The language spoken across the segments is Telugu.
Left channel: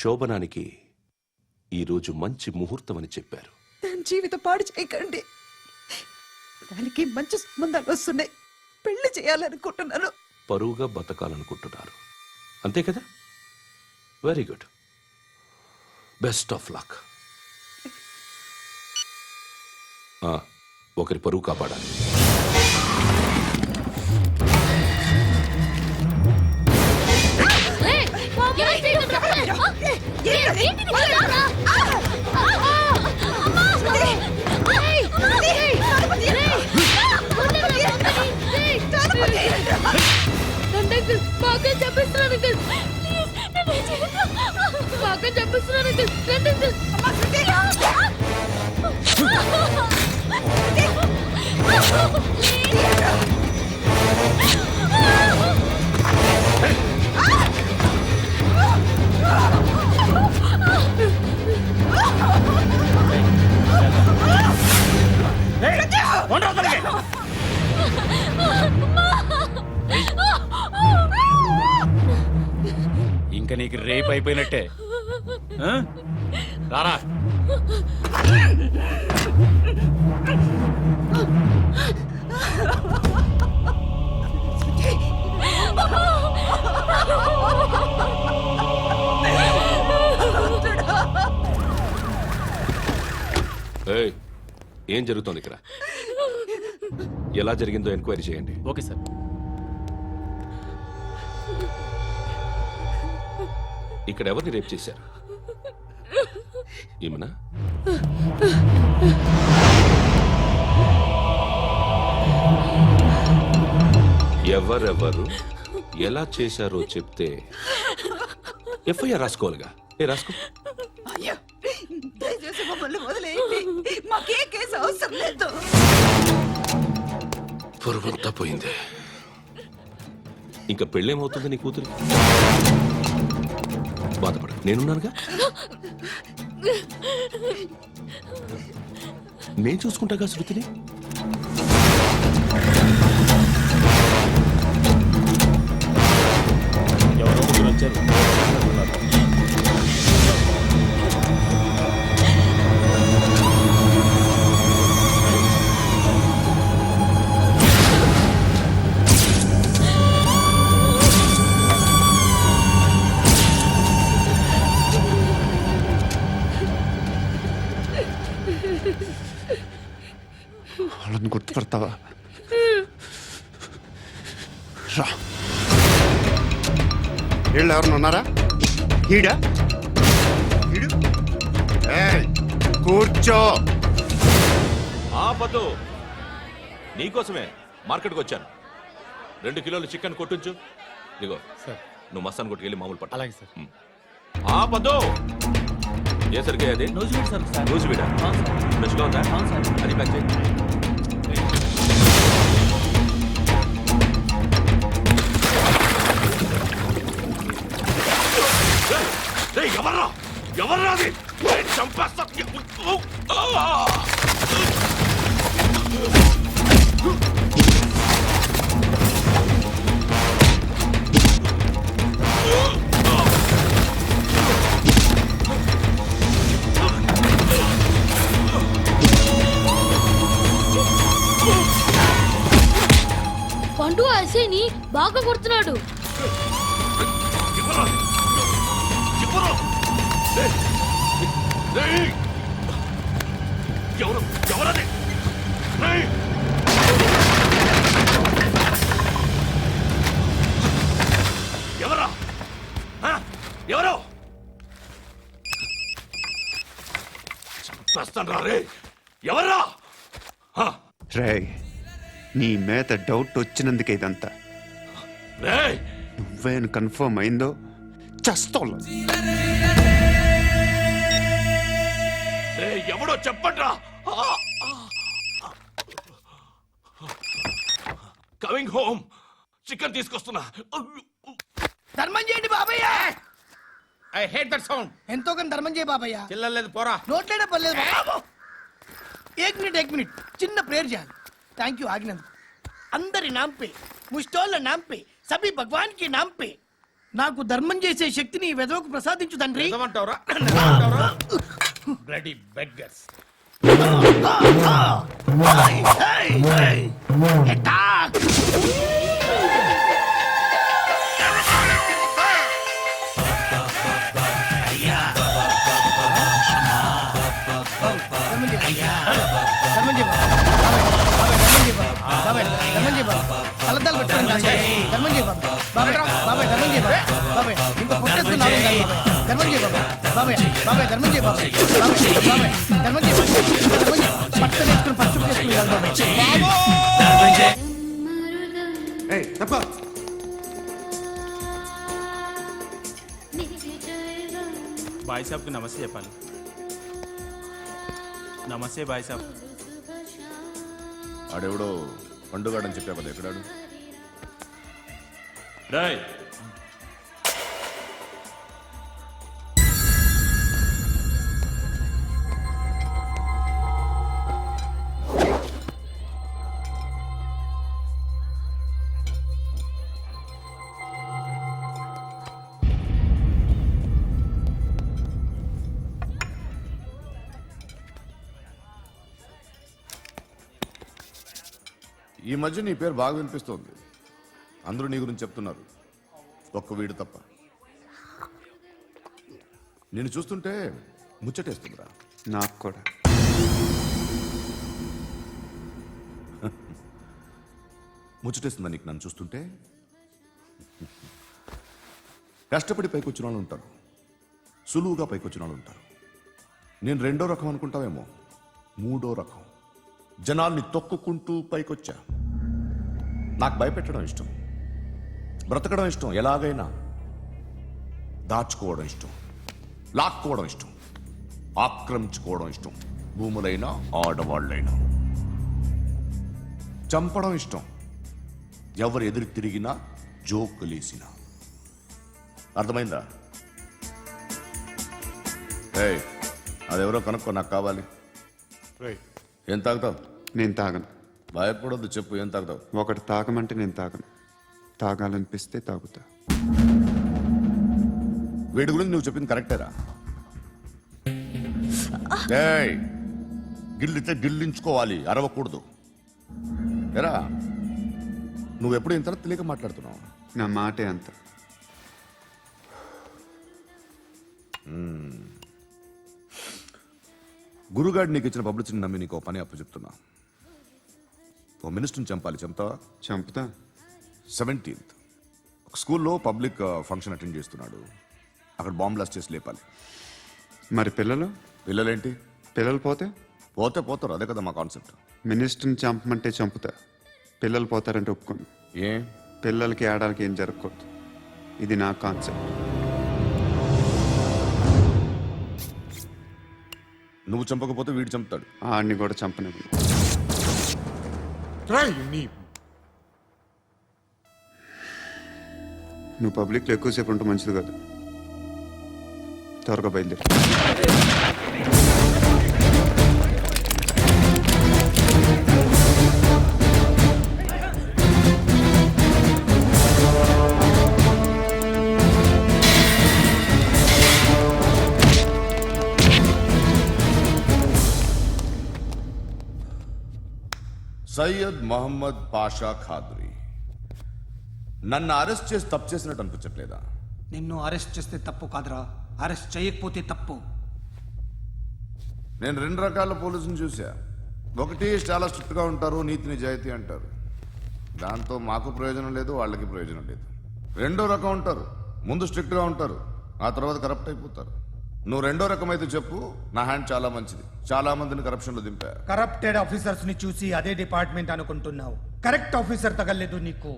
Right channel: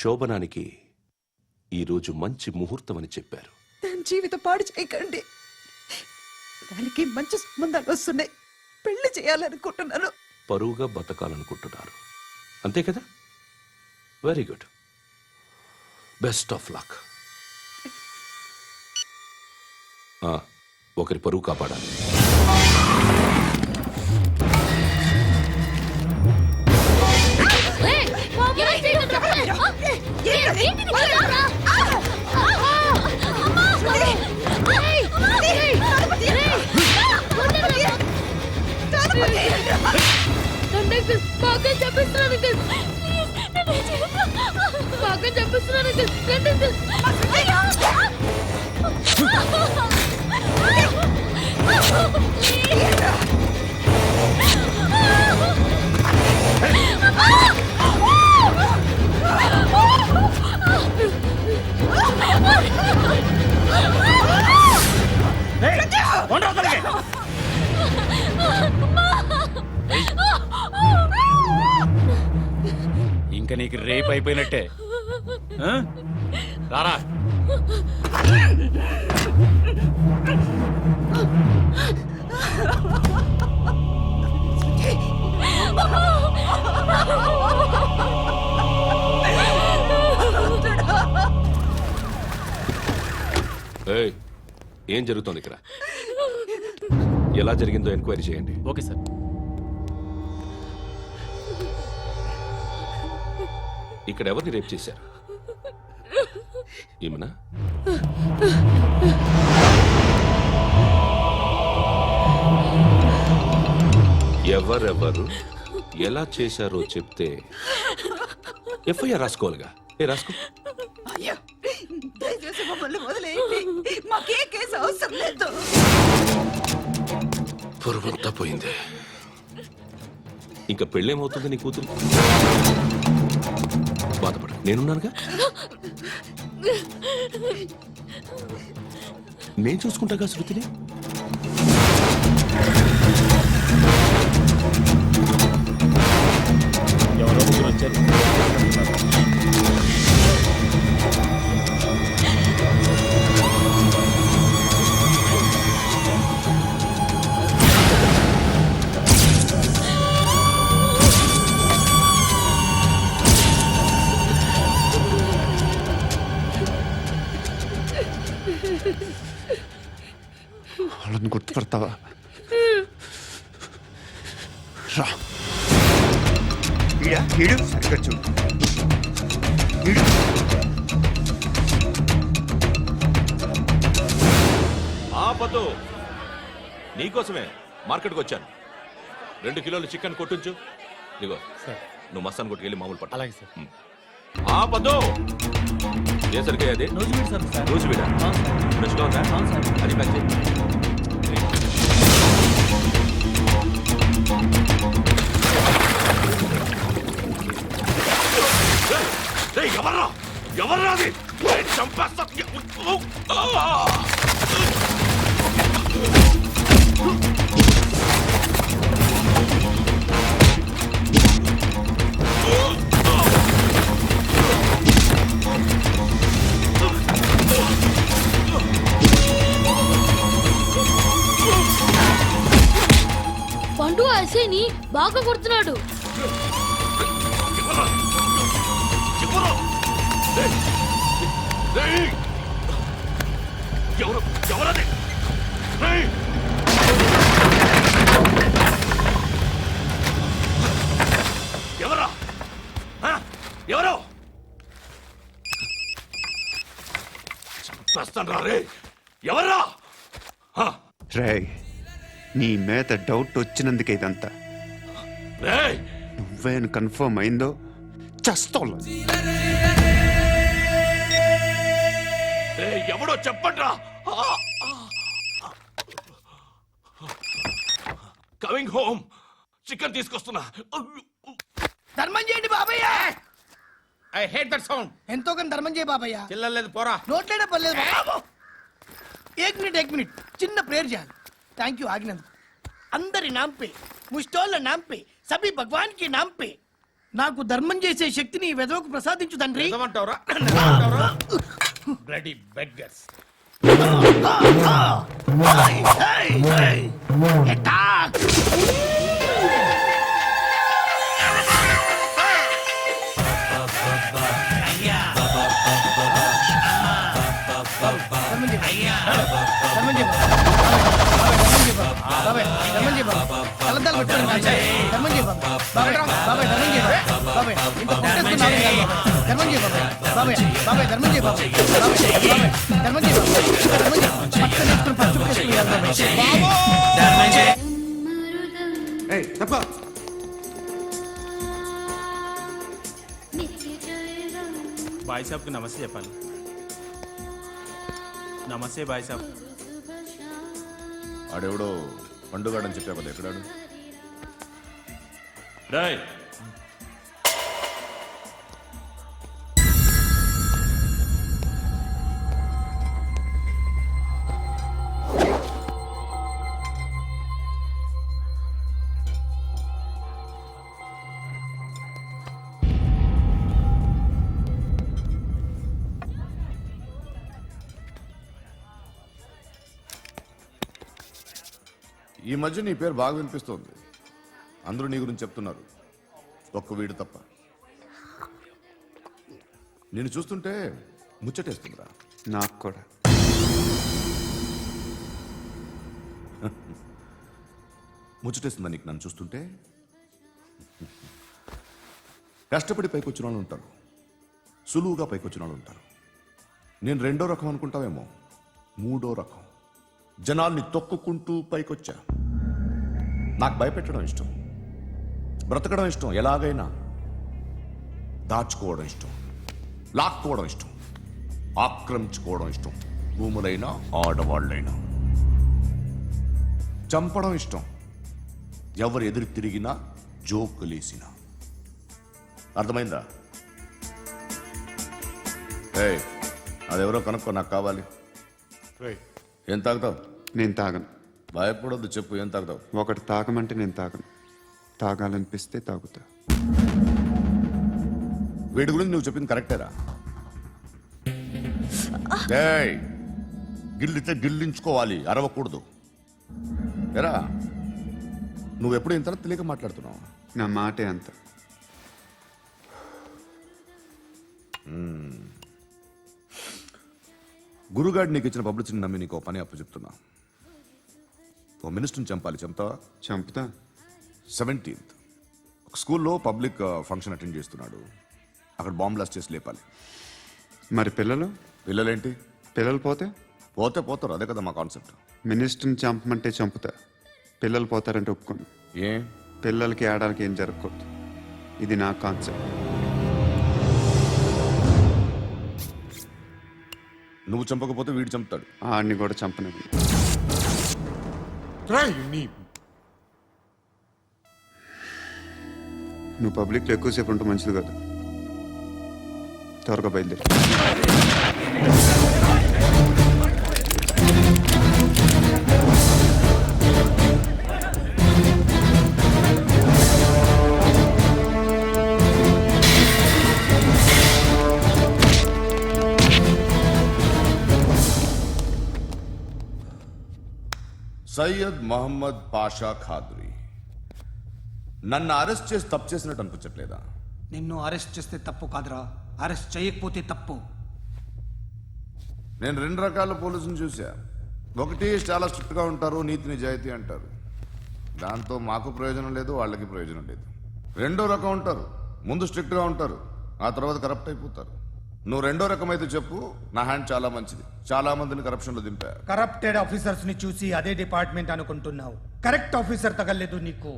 శోభనానికి ఈరోజు మంచి ముహూర్తం అని చెప్పారు. దాని జీవితం పాడు చేయకండి. దానికి మంచి సంబంధాలు వస్తున్నాయి. పెళ్లి చేయాలనుకుంటున్నాను. పరువుగా బతకాలనుకుంటున్నారు అంతే కదా? Very good. Best of luck. ఒకరి పరువు కాపాడాలి. బాగా చెప్పిస్తున్నాను ఇంకా నీకు రేప్ అయిపోయినట్టే. రారా. ఏం జరుగుతోంది ఇక్కడ? ఎలా జరిగిందో ఎంక్వైరీ చేయండి. Okay sir. ఇక్కడ ఎవరిని రేప్ చేశారు? ఏమన్నా? ఎవరెవరు ఎలా చేశారో చెప్తే ఎఫ్ఐఆర్ రాసుకోవాలిగా. రాసుకో. దయచేసి మమ్మల్ని వదిలేయండి. మాకే కేసు అవసరం లేదు. పొరుగంతా పోయింది. ఇంకా పెళ్ళేమవుతుంది నీ కూతురికి? బాధపడు, నేనున్నానుగా. నేను చూసుకుంటాగా శృతిని. ఎవరో ముగ్గురు వచ్చారు. వాళ్ళని గుర్తుపడతావా? రా. వీళ్ళు ఎవరు ఉన్నారా? కూర్చో. ఆపదు. నీకోసమే మార్కెట్కి వచ్చాను. 2 కిలోలు చికెన్ కొట్టించు. ఇదిగో సార్. నువ్వు మసాన్ కొట్టుకెళ్ళి మామూలు పట్టు. అలాగే సార్. ఆపదు. ఏ సరిగ్గా అది? నూజివీడు సార్. నూజివీడా? ఫ్రెష్గా ఉందా? అది ప్యాక్ చేయి. ఎవర్రా? ఎవర్రా అది? చంపేస్తా. పండు ఐసేని బాగా కొడుతున్నాడు. ఎవరది? ఎవరా? ఎవరో చంపేస్తాను రా. రే ఎవర్రా? రే, నీ మీద డౌట్ వచ్చినందుకే ఇదంతా. నువ్వేను కన్ఫర్మ్ అయిందో చస్తా. ఎవడో చెప్పండ్రా. Coming home. చికెన్ తీసుకొస్తున్నా. ధర్మం చేయండి బాబయ్య. I hate that sound. ఎంతో కానీ ధర్మం చేయ బాబయ్య. చిల్లలేదు పోరా. నోట్లేనే పర్లేదు. एक मिनट చిన్న ప్రేయర్ చేయాలి. థ్యాంక్ యూ ఆగినందుకు. అందరి నాम पे, मुस्टोल नाम पे, सभी भगवान के नाम पे నాకు ధర్మం చేసే శక్తిని ఈ వెధవకు ప్రసాదించు తండ్రి. ఏమంటావురా బ్లడీ బెగ్గర్స్. Attack! కలద్దాలు పెట్టుకోండి కాదు ధర్మం చేయ బాబాయ్. బాబాయ్ బాబాయ్ ధర్మం చేయ బాబాయ్. బాబాయ్ ఇంత పొట్టేసుకున్నావు కాదు బాబాయ్. ధర్మం చేయ బాబాయ్. బాబాయ్ బాబాయ్ ధర్మం చేయ బాబాయ్. బాబాయ్ బాబాయ్ ధర్మం చేయ బాబాయ్. ఇంకా ధర్మం చేయ పట్టు వేసుకుని పచ్చుకు వేసుకుని కాదు బాబాయ్. ఏయ్ తప్ప బాయ్ సాబ్కి నమస్తే చెప్పాలి. నమస్తే బాయ్ సాబ్. ఆడెవడో పండుగాడని చెప్పావు కదా, ఎక్కడాడు? రాయ్ ఈ మధ్య నీ పేరు బాగా వినిపిస్తోంది. అందరూ నీ గురించి చెప్తున్నారు, ఒక్క వీడు తప్ప. నిన్ను చూస్తుంటే ముచ్చటేస్తుందిరా. నాకు కూడా. ముచ్చటేస్తుందా నీకు నన్ను చూస్తుంటే? కష్టపడి పైకొచ్చిన వాళ్ళు ఉంటారు, సులువుగా పైకొచ్చిన వాళ్ళు ఉంటారు. నేను రెండో రకం అనుకుంటావేమో, మూడో రకం. జనాల్ని తొక్కుకుంటూ పైకొచ్చా. నాకు భయపెట్టడం ఇష్టం, బ్రతకడం ఇష్టం, ఎలాగైనా దాచుకోవడం ఇష్టం, లాక్కోవడం ఇష్టం, ఆక్రమించుకోవడం ఇష్టం. భూములైనా ఆడవాళ్ళైనా చంపడం ఇష్టం, ఎవరు ఎదురు తిరిగినా జోకులేసినా. అర్థమైందా? ఏయ్, అదెవరో కనుక్కో, నాకు కావాలి. ఏం తాగుతావు? నేను తాగను. భయపడొద్దు, చెప్పు, ఏం తాగుతావు? ఒకటి తాగమంటే నేను తాగను. తాగాలనిపిస్తే తాగుతా. వీడి గురించి నువ్వు చెప్పింది కరెక్టేరా? ఏయ్, గిల్లితే గిల్లించుకోవాలి, అరవకూడదు. ఎరా, నువ్వెప్పుడు ఇంత తెలియక మాట్లాడుతున్నావు? నా మాటే అంత. గురుగాడు నీకు ఇచ్చిన పబ్లిసిటీని నమ్మి నీకు ఓ పని అప్పు చెప్తున్నా. ఓ మినిస్టర్ని చంపాలి, చంపుతావా? చంపుతా. 17th ఒక స్కూల్లో పబ్లిక్ ఫంక్షన్ అటెండ్ చేస్తున్నాడు. అక్కడ బాంబ్ బ్లాస్ట్ చేసి లేపాలి. మరి పిల్లలు? పిల్లలేంటి? పిల్లలు పోతే పోతే పోతారు, అదే కదా మా కాన్సెప్ట్. మినిస్టర్ని చంపమంటే చంపుతా, పిల్లలు పోతారంటే ఒప్పుకోను. ఏ? పిల్లలకి ఆడడానికి ఏం జరగకూడదు. ఇది నా కాన్సెప్ట్. నువ్వు చంపకపోతే వీడు చంపుతాడు. ఆడిని కూడా చంపనివ్వను. నువ్వు పబ్లిక్లో ఎక్కువసేపు ఉంటే మంచిది కదా. త్వరగా బయలుదేరి. సయ్యద్ మహమ్మద్ పాషా ఖాద్రీ. నన్ను అరెస్ట్ చేసి తప్పు చేసినట్టు అనిపించట్లేదా? నిన్ను అరెస్ట్ చేస్తే తప్పు కాదురా, అరెస్ట్ చేయకపోతే తప్పు. నేను 2 రకాల పోలీసుని చూసా. ఒకటి చాలా స్ట్రిక్ట్గా ఉంటారు, నీతి నిజాయితీ అంటారు. దాంతో మాకు ప్రయోజనం లేదు, వాళ్ళకి ప్రయోజనం లేదు. రెండో రకం ఉంటారు, ముందు స్ట్రిక్ట్గా ఉంటారు, ఆ తర్వాత కరప్ట్ అయిపోతారు. నువ్వు రెండో రకం అయితే చెప్పు, నా హ్యాండ్ చాలా మంచిది. చాలా మందిని కరప్షన్లో దింపా. కరప్టెడ్ ఆఫీసర్స్ ని చూసి అదే డిపార్ట్మెంట్ అనుకుంటున్నావు. కరెక్ట్ ఆఫీసర్ తగలేదు నీకు.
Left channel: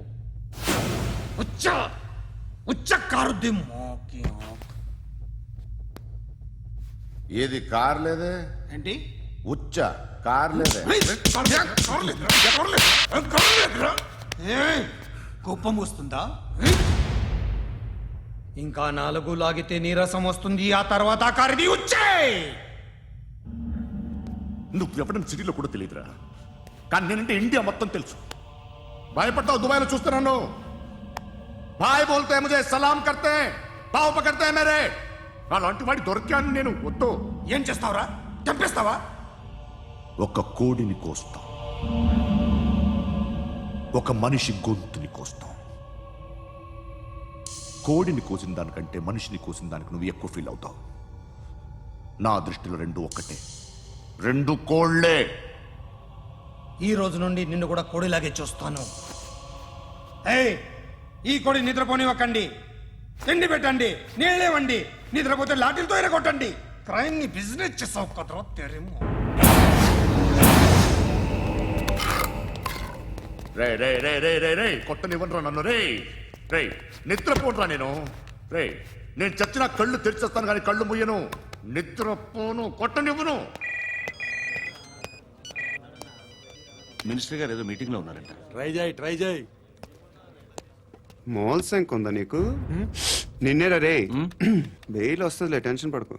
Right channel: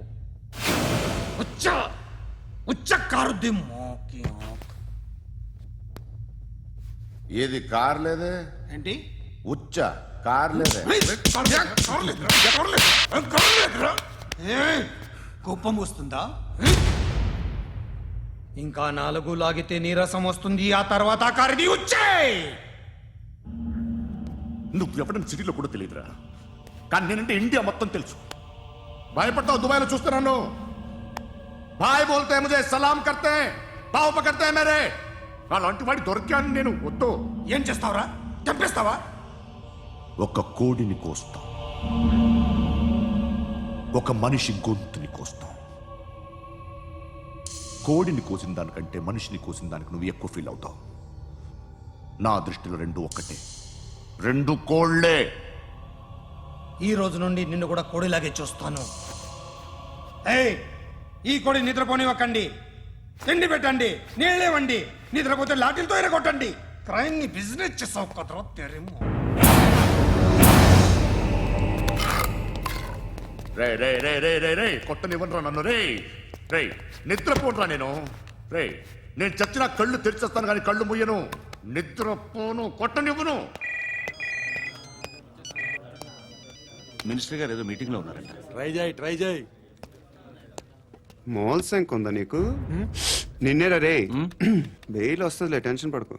ఏది కార్ లేదే? ఏంటి? ఉచ్చ కార్ లేదే? కోపం వస్తుందా? ఇంకా 4 లాగితే నీరసం వస్తుంది. ఆ తర్వాత కారిది వచ్చే. నువ్వు ఎవరైనా సిటీలో కూడా తెలియదురా, కానీ నేనంటే ఇండియా మొత్తం తెలుసు. భయపడతావు? దుబాయ్లో చూస్తున్నాను. भाई बोलते हैं मुझे सलाम करते हैं पाव पकड़ते हैं मेरे అలాంటి వాడి దొరికాను నేను వద్దు ఏం చేస్తావురా చంపేస్తావా ఒక కోడిని కోస్తాం ఒక మనిషి గొంతుని కోస్తాం కోడిని కోసిన దానికంటే మనిషిని కోసిన దానికి నువ్వు ఎక్కువ ఫీల్ అవుతావు నా దృష్టిలో రెండు ఒక్కటే రెండు కోళ్లే ఈ రోజు నుండి నిన్ను కూడా కోడిలాగే చూస్తాను ఏయ్ ఈ కోడి నిద్రపోనివ్వకండి తిండి పెట్టండి నీళ్ళేవండి నిద్రపోతే లాఠీలతో ఎరగొట్టండి క్రైమ్ ని బిజినెస్ చేసావు కదరా తెరేమో రే రే రే రే రే రే కొట్టనివ్వనరా నన్ను రే రే నిద్రపోనరా రే నేను చచ్చిన కళ్ళు తెరిచేస్తాను కానీ కళ్ళు ముయ్యను నిద్రపోను కొట్టనివ్వను మినిస్టర్ గారు ఏదో మీటింగ్ లో ఉన్నారంట. ట్రై చేయి మోల్ సంక్ ఉందా నీకు నిన్నేరా రే బెయిల్ వస్తుందిలే టెన్షన్ పడుకో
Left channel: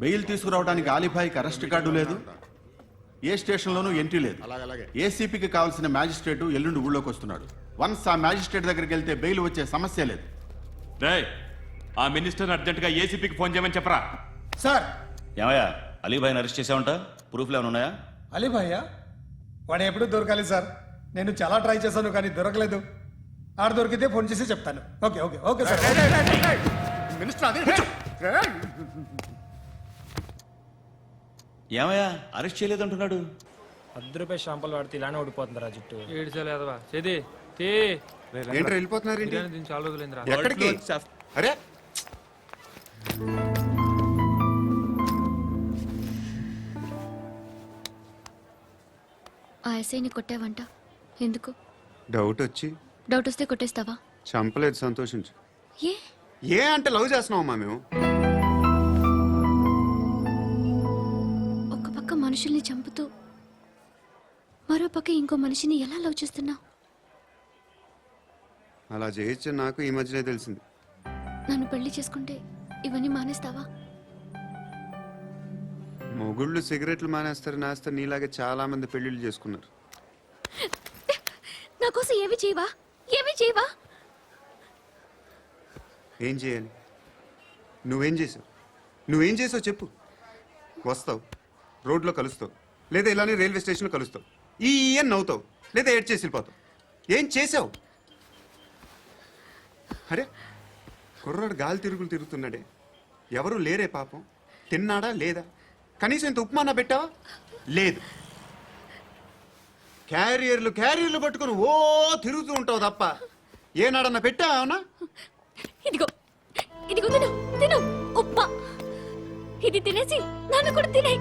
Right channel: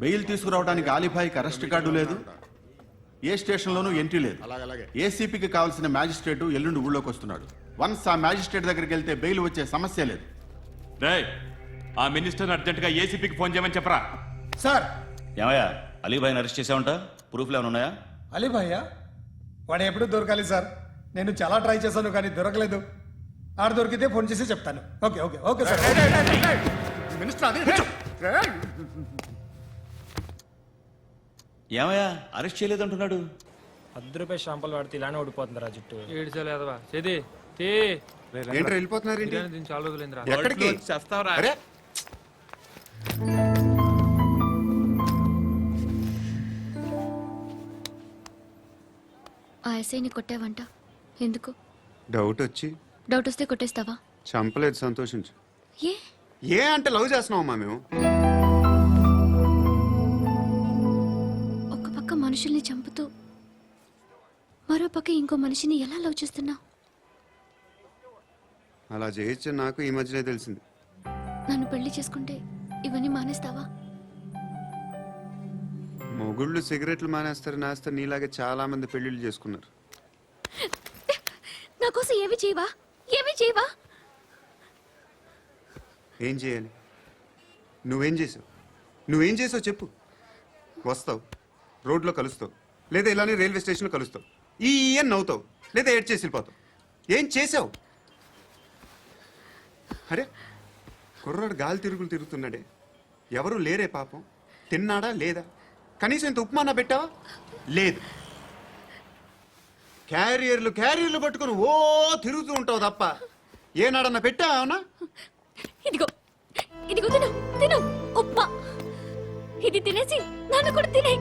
బెయిల్ తీసుకురావడానికి ఆలిభాయికి అరెస్ట్ కార్డు లేదు ఏ స్టేషన్లోనూ ఎంట్రీ లేదు ఏసీపీకి కావాల్సిన మ్యాజిస్ట్రేటు ఎల్లుండి ఊళ్ళోకి వస్తున్నాడు వన్స్ ఆ మ్యాజిస్ట్రేట్ దగ్గరికి వెళ్తే బెయిల్ వచ్చే సమస్య లేదు రేయ్ ఆ మినిస్టర్ అర్జెంట్ గా ఏసీపీకి ఫోన్ చేయమని చెప్పరా. సార్ ఏమయ్యా అలీభాయిని అరెస్ట్ చేసావంట? ప్రూఫ్లు ఏమైనా ఉన్నాయా? అలీ భయ్యా వాడు ఎప్పుడు దొరకాలి సార్ నేను చాలా ట్రై చేశాను కానీ దొరకలేదు ఆడ దొరికితే ఫోన్ చేసి చెప్తాను okay okay okay sir minister అదే ఏమయ్యా అరెస్ట్ చేయలేదంటున్నాడు? ₹10 షాంపూలు వాడితే ఇలానే ఓడిపోతుంది రా జుట్టు. ఏంట్రా వెళ్ళిపోతున్నారేంటి చాలా రోజులైందిరా. ఎక్కడికి అరే ఆ ఎస్ఐని కొట్టావంట ఎందుకు? డౌట్ వచ్చి డౌట్ వస్తే కొట్టేస్తావా? చంపలేదు సంతోషించు ఏ ఏ అంటే లవ్ చేస్తున్నామమ్మా మేము ఒక పక్క మనుషుల్ని చంపుతూ మరో పక్క ఇంకో మనిషిని ఎలా లవ్ చేస్తున్నావు? అలా చేయొచ్చు నాకు ఈ మధ్యనే తెలిసింది నన్ను పెళ్లి చేసుకుంటే ఇవన్నీ మానేస్తావా? మొగుళ్ళు సిగరెట్లు మానేస్తారు నేస్తారు నీలాగే చాలా మంది పెళ్లిళ్ళు చేసుకున్నారు నా కోసం ఏమి చేయవా? ఏమి చేయవా? ఏం చేయాలి నువ్వేం చేసావు చెప్పు వస్తావు రోడ్లో కలుస్తావు లేదా ఇలానే రైల్వే స్టేషన్లో కలుస్తావు ఈ అని నవ్వుతావు లేదా ఏడ్ చేసి వెళ్ళిపోతావు ఏం చేసావు అరే కుర్రాడు గాలి తిరుగులు తిరుగుతున్నాడే ఎవరు లేరే పాపం తిన్నాడా లేదా కనీసం ఇంత ఉప్మానా పెట్టావా లేదు క్యారియర్లు పట్టుకుని ఓ తిరుగుతూ ఉంటావు తప్ప ఏనాడన్నా పెట్టావా ఇదిగో ఇదిగో తిను తిను ఉప్మా ఇది తినేసి నన్ను కూడా తినే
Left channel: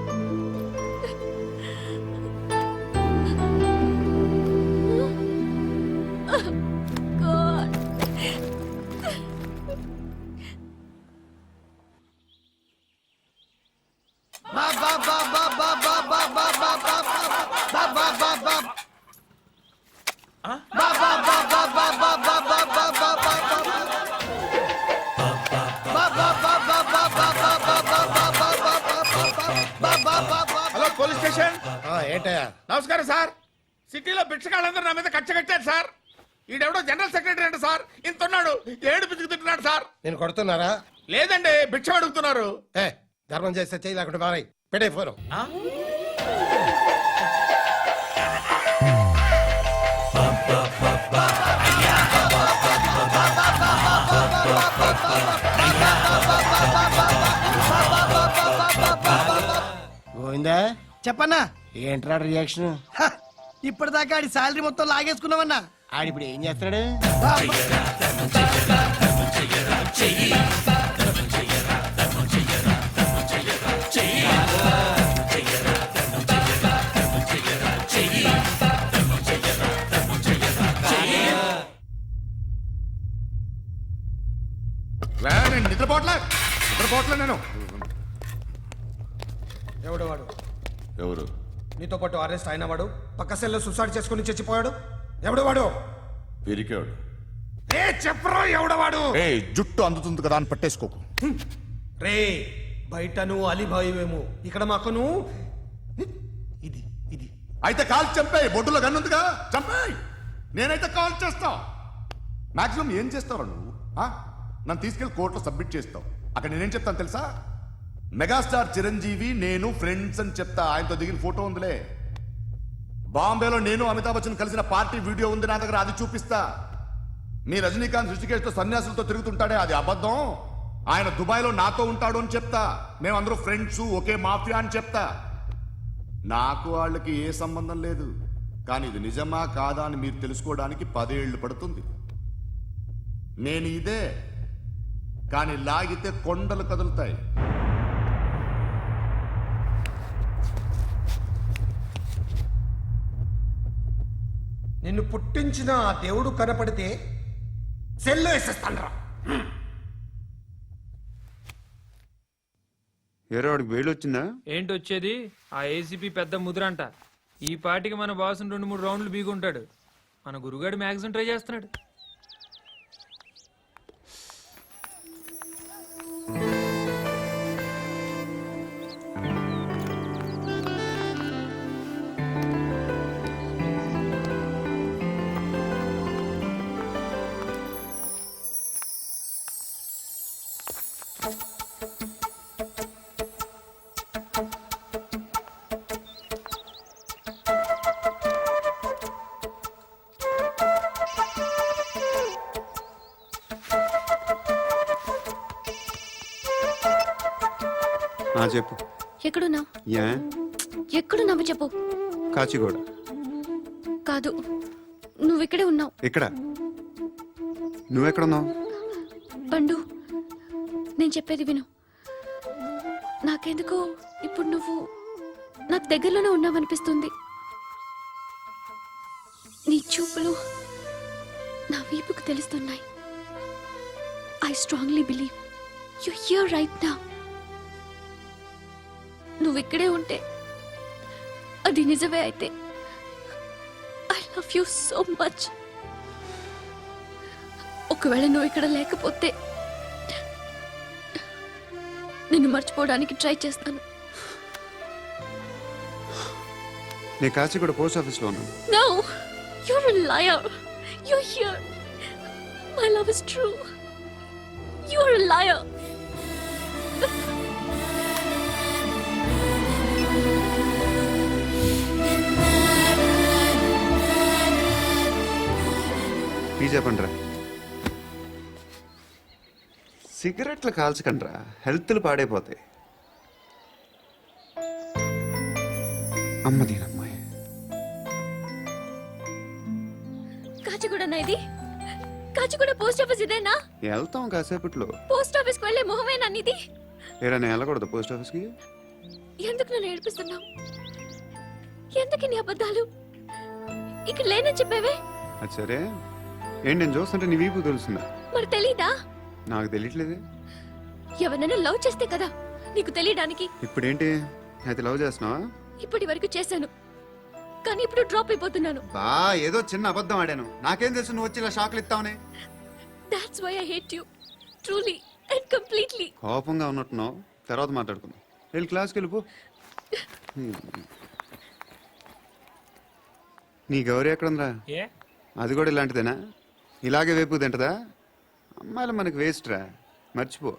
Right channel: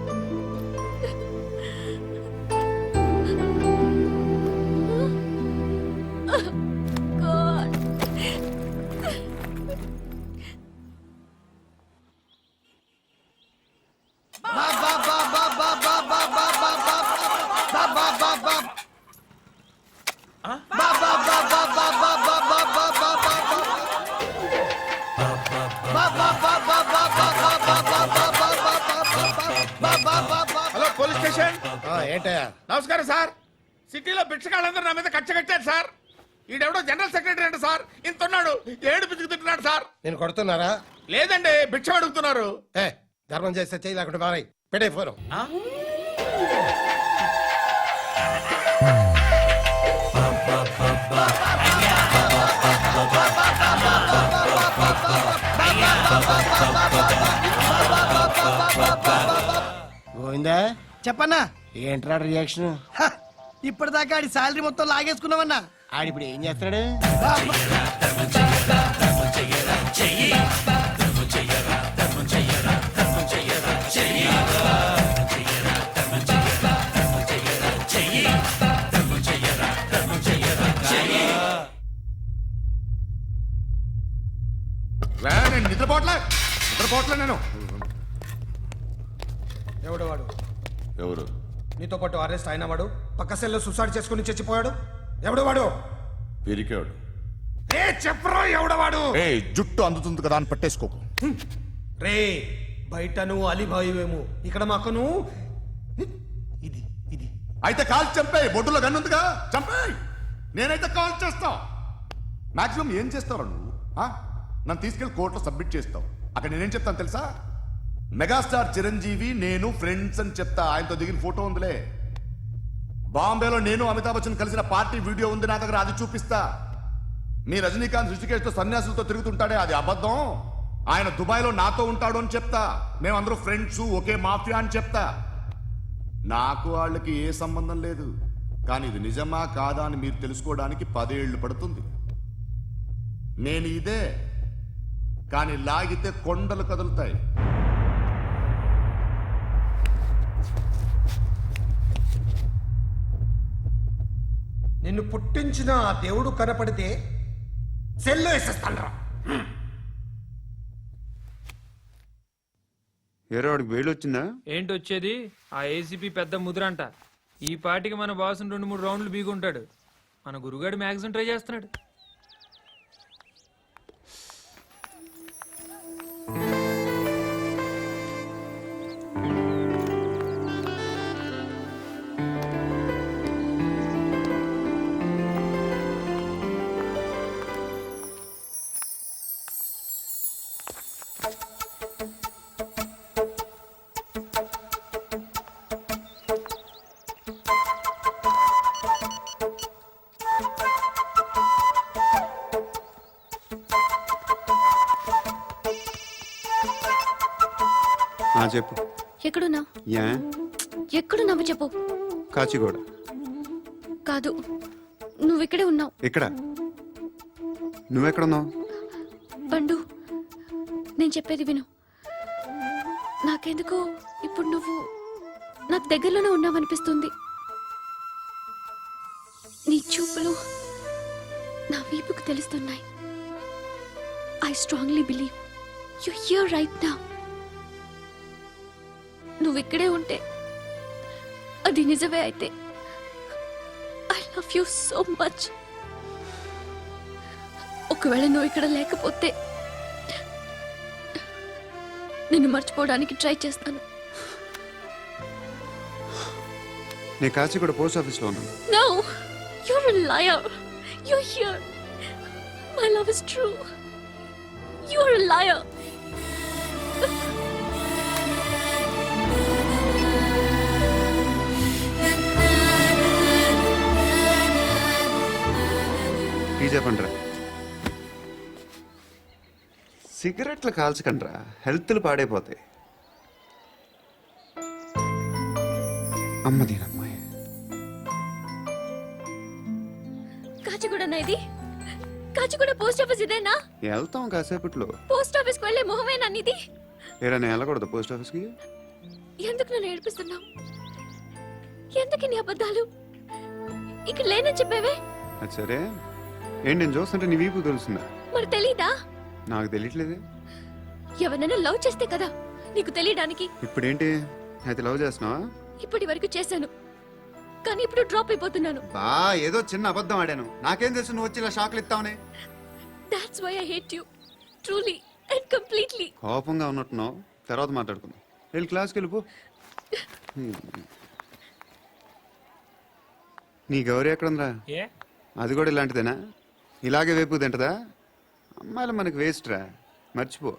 హలో పోలీస్ స్టేషన్. ఏంటయ్యా నమస్కారం సార్. సిటీలో భిక్షగాళ్ళందరూ నా మీద కచ్చ కట్టారు సార్. ఈడెవడో జనరల్ సెక్రటరీ అంట సార్. ఇంత ఉన్నాడు ఏడు పిచ్చుకు తింటున్నాడు సార్. నేను కొడుతున్నారా లేదండి భిక్ష అడుగుతున్నారు. ఏ ధర్మం చేస్తే చేయి లేకుండా మారాయి పెట్టే ఫోను గోవిందా చెప్పన్నా ఏంట్రా రియాక్షన్ ఇప్పటిదాకా ఆడి శాలరీ మొత్తం లాగేసుకున్నావన్నా ఆడిప్పుడు ఏం చేస్తాడు నేను నిద్రపోవట్లే నేను ఎవడు వాడు ఎవరు నీతో పాటు అరెస్ట్ అయిన వాడు పక్క సెల్లో సూసైడ్ చేసుకుని చచ్చిపోయాడు ఎవడు వాడు పిరికాడు ఏ చెప్పరా ఎవడవాడు ఏ జుట్టు అందుతుంది కదా అని పట్టేసుకోకు రే బయట నువ్వు అలీబాయివేమో ఇక్కడ మాకు నువ్వు ఇది ఇది అయితే కాల్చి చంపేయి బొడ్డులో గన్నుందిగా చంపేయి నేనైతే కాల్ చేస్తా. మాక్సిమం ఏం చేస్తావు నువ్వు? నన్ను తీసుకెళ్లి కోర్టులో సబ్మిట్ చేస్తావు. అక్కడ నేనేం చెప్తాను తెలుసా? మెగాస్టార్ చిరంజీవి నేను ఫ్రెండ్స్ అని చెప్తా. ఆయనతో దిగిన ఫోటో ఉందిలే. బాంబేలో నేను అమితాబ్ బచ్చన్ కలిసిన పార్టీ వీడియో ఉంది నా దగ్గర, అది చూపిస్తా. మీ రజనీకాంత్ ఋషికేష్తో సన్యాసులతో తిరుగుతుంటాడే, అది అబద్ధం. ఆయన దుబాయ్లో నాతో ఉంటాడు అని చెప్తా. మేమందరూ ఫ్రెండ్స్, ఒకే మాఫియా అని చెప్తా. నాకు వాళ్ళకి ఏ సంబంధం లేదు. కానీ ఇది నిజమా కాదా అని మీరు తెలుసుకోవడానికి 10 ఏళ్ళు పడుతుంది. నేను ఇదే, కానీ లాగితే కొండలు కదులుతాయి. నిన్ను పుట్టించిన ఆ దేవుడు కనపడితే సెల్లో వేసేస్తాన్రా. ఏరో వాడికి వేలు వచ్చిందా? ఏంటి వచ్చేది? ఆ ఏసీపీ పెద్ద ముద్రంట. ఈ పాటికి మన బాసును 2-3 రౌండ్లు బీగుంటాడు. మన గురుగాడు మ్యాక్సిమం ట్రై చేస్తున్నాడు. చెప్పు. ఎక్కడున్నావు? యా ఎక్కడున్నావు చెప్పు. కాచిగూడ. కాదు, నువ్వు ఇక్కడే ఉన్నావు. ఇక్కడ నువ్వెక్కడున్నావు? పండు, నేను చెప్పేది విను. నాకెందుకో ఇప్పుడు నువ్వు నాకు దగ్గరలోనే ఉన్నావనిపిస్తుంది. నీ చూపులు నా వీపుకు తెలుస్తున్నాయి. I strongly believe you here right now. నువ్వు ఇక్కడే ఉంటే అది నిజమే అయితే I love you so much. ఒకవేళ నువ్వు ఇక్కడ లేకపోతే నిన్ను మర్చిపోవడానికి ట్రై చేస్తాను. నేను కాచిగూడ పోస్ట్ ఆఫీస్లో ఉన్నాను. No, you're a liar. You're here. My love is true. You're a liar. Tea చెప్పండిరా. సిగరెట్లు కాల్చకండ్రా, హెల్త్లు పాడైపోతాయి. అమ్మదీనమ్మాయి. కాచిగూడనా ఇది? కాచిగూడ పోస్ట్ ఆఫీస్ ఇదేనా? వెళ్తాం కాసేపట్లో. పోస్ట్ ఆఫీస్ కు వెళ్లే మొహమేనా నీది? ఏరా నేను వెళ్ళకూడదు పోస్ట్ ఆఫీస్కి? ఎందుకు నన్ను ఏడిపిస్తున్నావు? ఎందుకు నీ అబద్ధాలు? ఇక్కడ లేనని చెప్పేవే. అది సరే, ఏంటి నేను చూస్తుంటే నీ వీపు తెలుస్తుందా? మరి తెలీదా? నాకు తెలియట్లేదు. ఎవరైనా లవ్ చేస్తే కదా నీకు తెలియడానికి. ఇప్పుడేంటి అయితే లవ్ చేస్తున్నావా? ఇప్పటి వరకు చేశాను, కానీ ఇప్పుడు డ్రాప్ అయిపోతున్నాను. బా ఏదో చిన్న అబద్ధం ఆడాను. నాకేం తెలుసు నువ్వు వచ్చి ఇలా షాక్లు ఇస్తావని. That's why I hate you. Truly and completely. కోపంగా ఉన్నట్టున్నావు, తర్వాత మాట్లాడుకుందాం. వెళ్ళి క్లాస్కి వెళ్ళిపో. నీ గౌరీ ఎక్కడుందిరా? ఏ అది కూడా ఇలాంటిదేనా? ఇలాగే వేపు తింటదా? అమ్మాయిలు మనకి వేస్ట్ రా, మర్చిపో.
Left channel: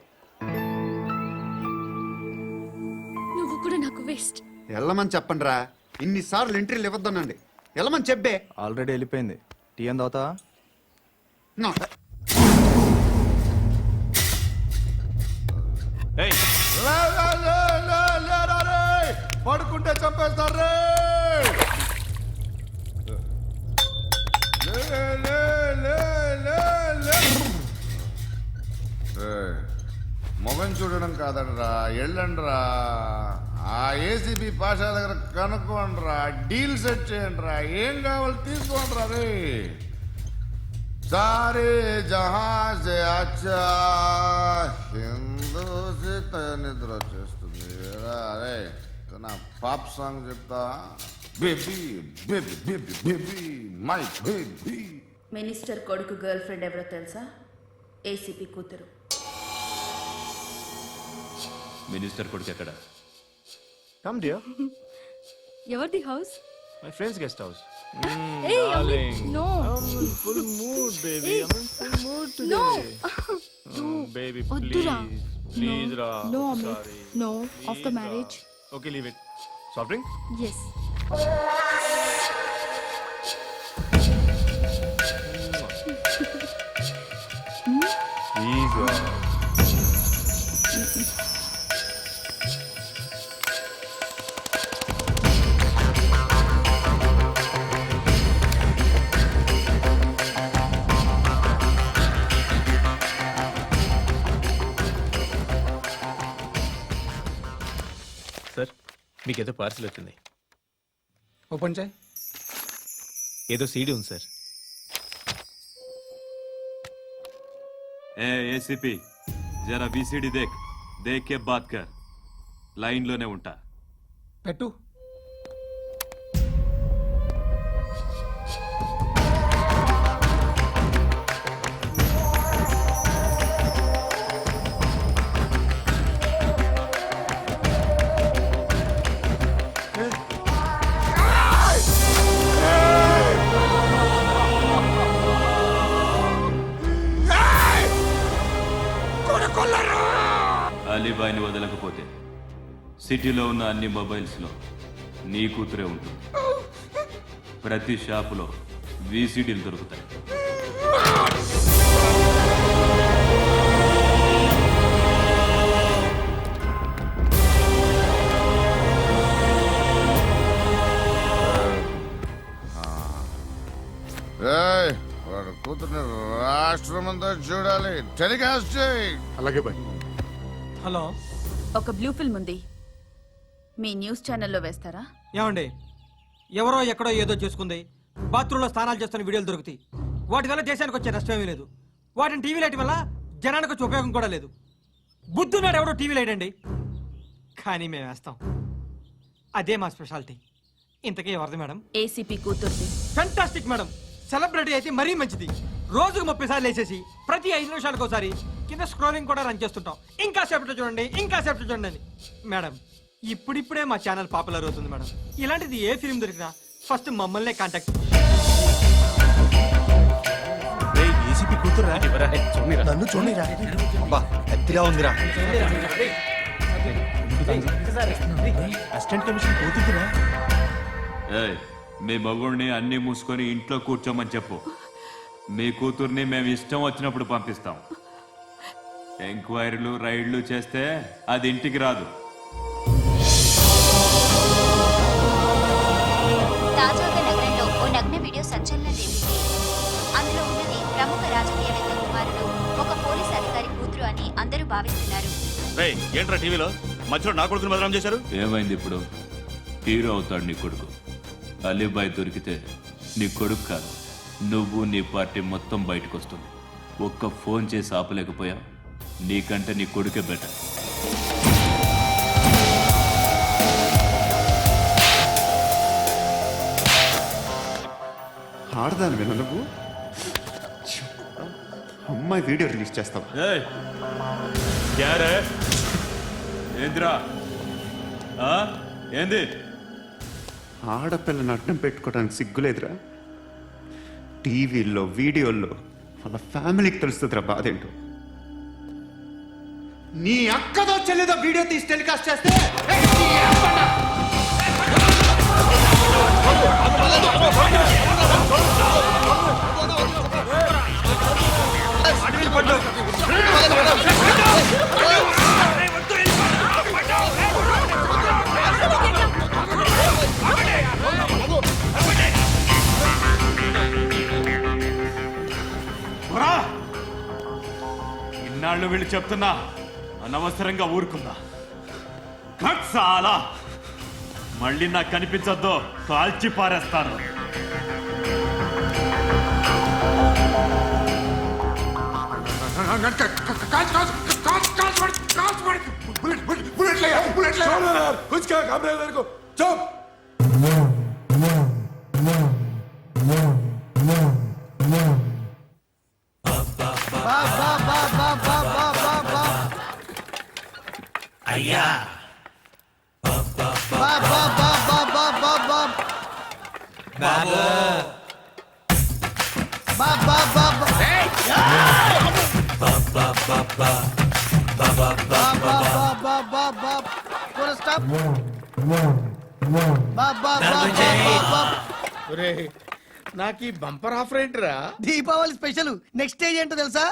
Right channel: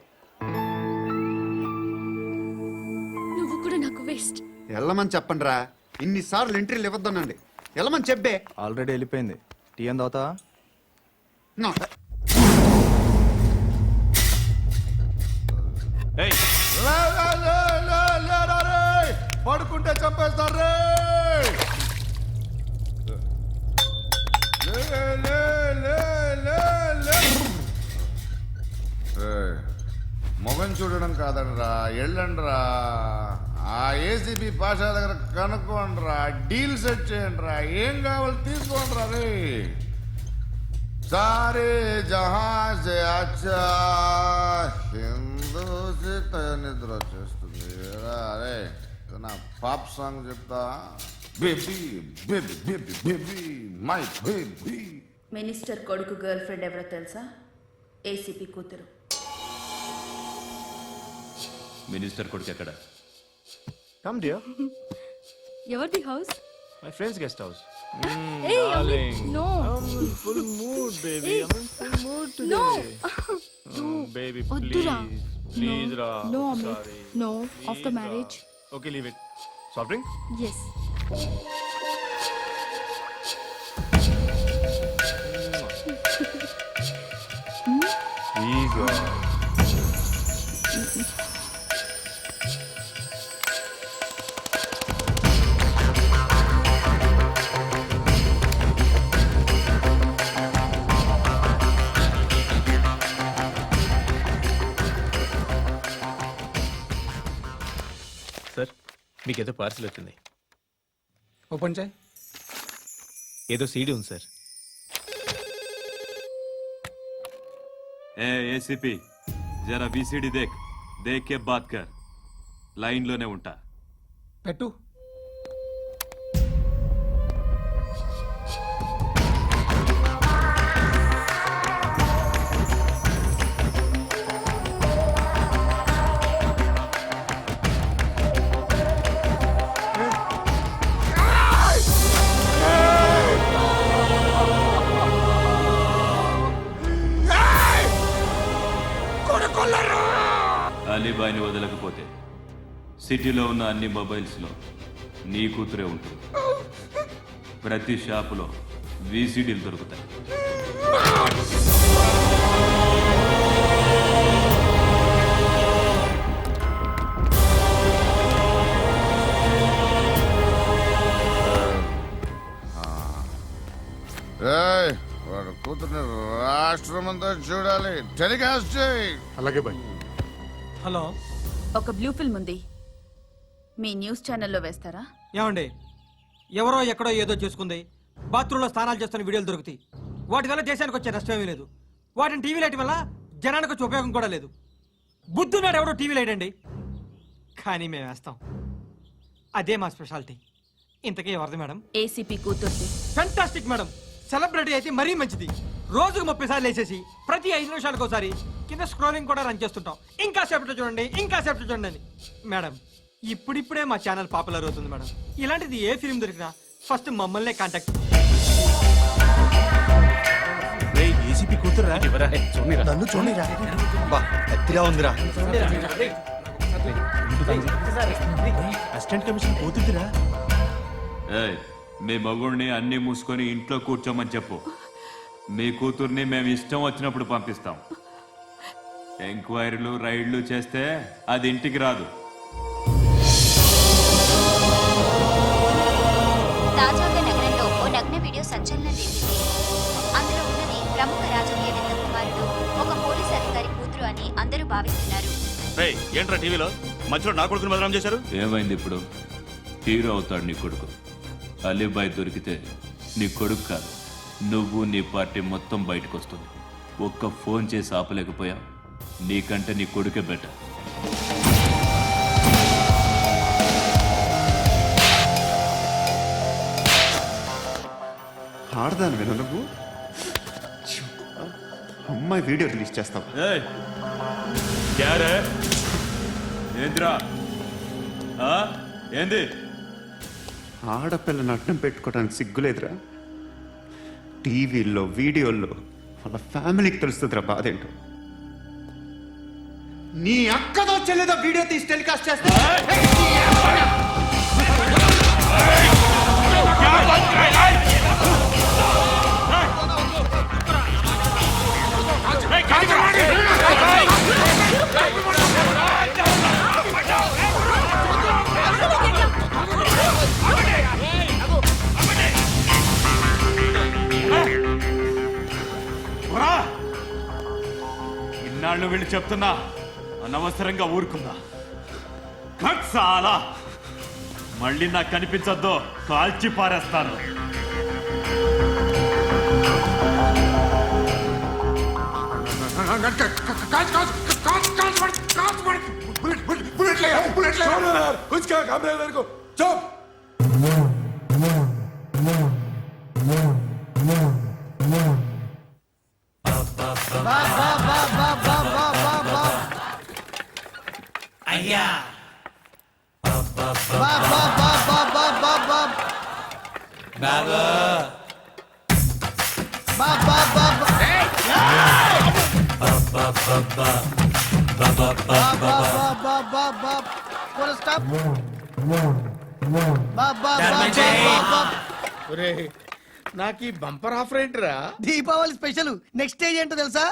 నువ్వు కూడా నాకు వేస్ట్. వెళ్ళమని చెప్పండి రా. ఇన్నిసార్లు ఎంట్రీలు ఇవ్వద్దనండి. వెళ్ళమని చెప్పే. ఆల్రెడీ వెళ్ళిపోయింది. టీ ఏం తాగుతావా? ఏయ్, పడుకుంటే చంపేస్తారు. మొగం చూడడం కాదండ్రా, వెళ్ళండ్రా. ఆ ఏసీబీ పాషా దగ్గర కనుక్కోండ్రా, డీల్ సెట్ చేయండిరా, ఏం కావాలి తీసుకోండిరా. రే సారే జహాన్ సే అచ్చా హిందూ నిద్ర వచ్చేస్తుంది. అరే నా పాప్ సాంగ్ చెప్తా. Baby baby baby baby my baby. Minister కొడుకు గర్ల్ ఫ్రెండ్ ఎవరో తెలుసా? ఏసీపీ కూతురు. మినిస్టర్ కొడుకు ఎక్కడ? Come dear. ఎవరిది house? My friend's guest house. Hey, Amit, no. Full mood, baby. Hey. I'm in full mood No. today. Baby, వద్దురా. please, No. Ra. No, Amit. Sorry. No. After Please, marriage. Ra. Okay, leave it. Soft drink? Yes. Please, Ra. Sir మీకేదో పార్సిల్ వచ్చింది. ఓపెన్ చేయి. ఏదో సీడీ ఉంది సార్. ఏసీపీ జరా వీసీడీ దేక్ కే బాత్ కర్. లైన్ లోనే ఉంటా. పెట్టు. అలీబాయిని వదలకపోతే సిటీలో ఉన్న అన్ని మొబైల్స్లో నీ కూతురే ఉంటుంది. ప్రతి షాపులో వీసీడీలు దొరుకుతాయి. వాడు కూతుర్ని రాష్ట్రమంతా చూడాలి. టెలికాస్ట్ చేయి. అలాగే బాయ్. హలో, ఒక బ్లూ ఫిల్మ్ ఉంది, మీ న్యూస్ ఛానల్లో వేస్తారా? ఏమండి, ఎవరో ఎక్కడో ఏదో చేసుకుంది, బాత్రూంలో స్నానాలు చేస్తున్న వీడియోలు దొరుకుతాయి. వాటి వల్ల దేశానికి వచ్చే నష్టమేమీ లేదు. వాటిని టీవీ లైట్ వల్ల జనానికి వచ్చే ఉపయోగం కూడా లేదు. బుద్ధున్నాడు ఎవడో టీవీ లైట్ అండి, కానీ మేము వేస్తాం. అదే మా స్పెషాలిటీ. ఇంతకీ ఎవరిది మేడం? ఏసీపీ కూతుర్ది. Fantastic madam. సెలబ్రిటీ అయితే మరీ మంచిది. రోజుకు 30 సార్లు వేసేసి ప్రతి 5 నిమిషాలకు ఒకసారి కింద స్క్రోలింగ్ కూడా రన్ చేస్తుంటాం. ఇంకా సేపట్లో చూడండి, ఇంకా సేపట్లో చూడండి అని. మేడం, ఇప్పుడిప్పుడే మా ఛానల్ పాపులర్ అవుతుంది మేడం. ఇలాంటిది ఏ ఫిల్మ్ దొరికినా ఫస్ట్ మమ్మల్నే కాంటాక్ట్. ఏసీపీ కూతురా? నన్ను చూడరా, ఎత్తిగా ఉందిరా. Assistant commission కూతురురా? మీ మగుడిని అన్ని మూసుకొని ఇంట్లో కూర్చోమని చెప్పు. మీ కూతుర్ని మేము ఇష్టం వచ్చినప్పుడు పంపిస్తాం. ఎంక్వైరీలు రైడ్లు చేస్తే అది ఇంటికి రాదు. తాజాగా నగరంలో ఓ నగ్న వీడియో సంచలనం రేపింది. అందులో ఉన్నది ప్రముఖ రాజకీయవేత్త కుమారుడు, ఒక పోలీస్ అధికారి కూతురు అని అందరూ భావిస్తున్నారు. ఏంట్రా టీవీలో మధ్యలో నా కొడుకుని బదనాం చేశారు? ఏమైంది ఇప్పుడు? హీరో అవుతాడు నీ కొడుకు. అలీబాయ్ దొరికితే నీ కొడుకు కాదు, నువ్వు నీ పార్టీ మొత్తం బయటకు వస్తుంది. ఒక్క ఫోన్ చేసి ఆపలేకపోయా, నీకంటే నీ కొడుకే బెటర్. ఆడదాని విన నువ్వు అమ్మాయి వీడియో రిలీజ్ చేస్తావా? ఏంద్రా ఏంది? ఆడపిల్లని అడ్డం పెట్టుకోవడానికి సిగ్గులేదురా? టీవీల్లో వీడియోల్లో వాళ్ళ ఫ్యామిలీకి తెలుస్తుందిరా బాధ ఏంటో. నీ అక్కదో చెల్లిదో వీడియో తీసి టెలికాస్ట్ చేస్తే ఇన్నాళ్ళు వీళ్ళు చెప్తున్నా అనవసరంగా ఊరుకుందా. చాలా మళ్ళీ నాకు కనిపించద్దు, కాల్చి పారేస్తాను. అయ్యా, బా బా బా బా ఏయ్! బా బా బా బా బా బా ఫుల్ స్టాప్ బా బా బా బా బా బా ఒరేయ్, నాకు ఈ బంపర్ ఆఫర్ ఏంటిరా? దీపావళి స్పెషల్ నెక్స్ట్ స్టేజ్ ఏంటో తెలుసా?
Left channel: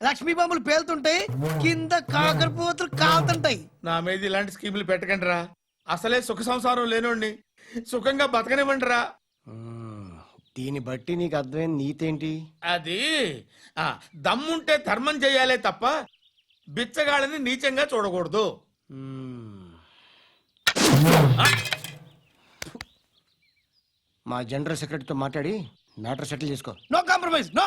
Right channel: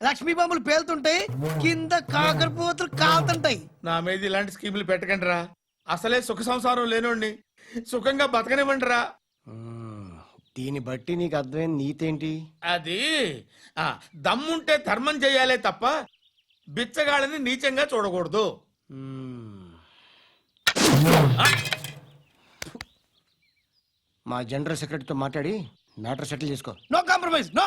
లక్ష్మీ బాంబులు పేలుతుంటాయి, కింద కాకరపోతులు కాలుతుంటాయి. నా మీద ఇలాంటి స్కీములు పెట్టకండి రా. అసలే సుఖ సంసారం లేనోడిని సుఖంగా బతకనివ్వండి రా. దీన్ని బట్టి నీకు అర్థమైన నీతేంటి? అది దమ్ముంటే ధర్మం చేయాలే తప్ప బిచ్చగాళ్ళని నీచంగా చూడకూడదు. మా జనరల్ సెక్రటరీతో మాట్లాడి మ్యాటర్ సెటిల్ చేసుకో. No compromise, no.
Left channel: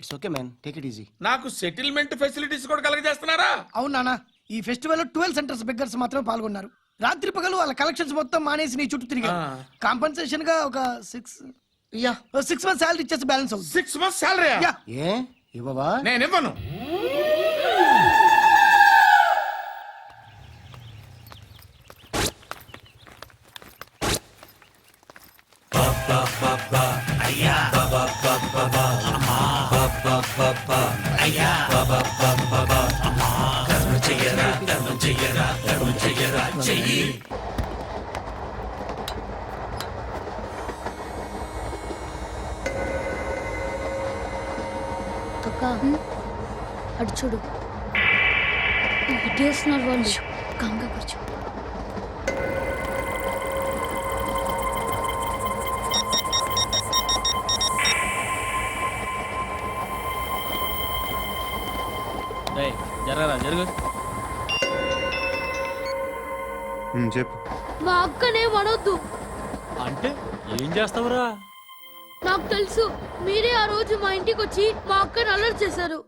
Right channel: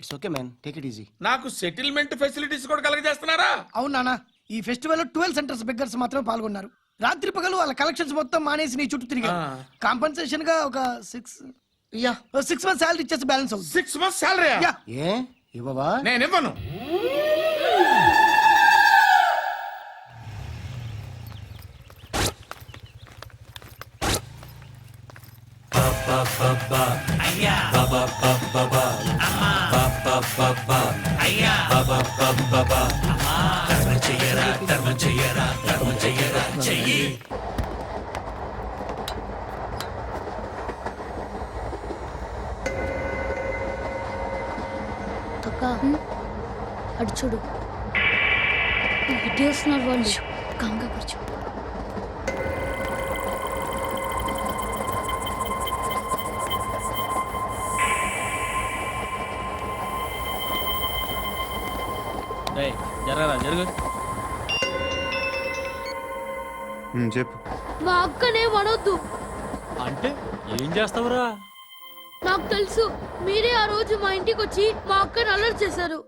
It's okay man, take it easy. నాకు సెటిల్మెంట్ ఫెసిలిటీస్ కూడా కలగజేస్తున్నారా? అవును నాన్న, ఈ ఫెస్టివల్ లో 12 సెంటర్స్ బెగ్గర్స్ మాత్రమే పాల్గొన్నారు. రాత్రి పగలు వాళ్ళ కలెక్షన్స్ మొత్తం మానేసి నీ చుట్టూ తిరిగారు. కాంపన్సేషన్ గా ఒక 6 మంత్స్ సాలరీ ఇచ్చేసి బ్యాలెన్స్ అవుతుంది. 6 months salary? ఏ ఇవ్వవా? నేను ఇవ్వను. అక్క అటు చూడు, ఇటు వస్తున్నారు వాళ్ళు. కంగా కూర్చో. జరగరా జరుగు. చెప్పు. మా అక్కనే వనొద్దు. అంటే ఏం చేస్తావురా? నాకు తెలుసు, మీరే ఆ రోజు మా ఇంటికి వచ్చి మా అక్కని అలర్ట్ చేశారు.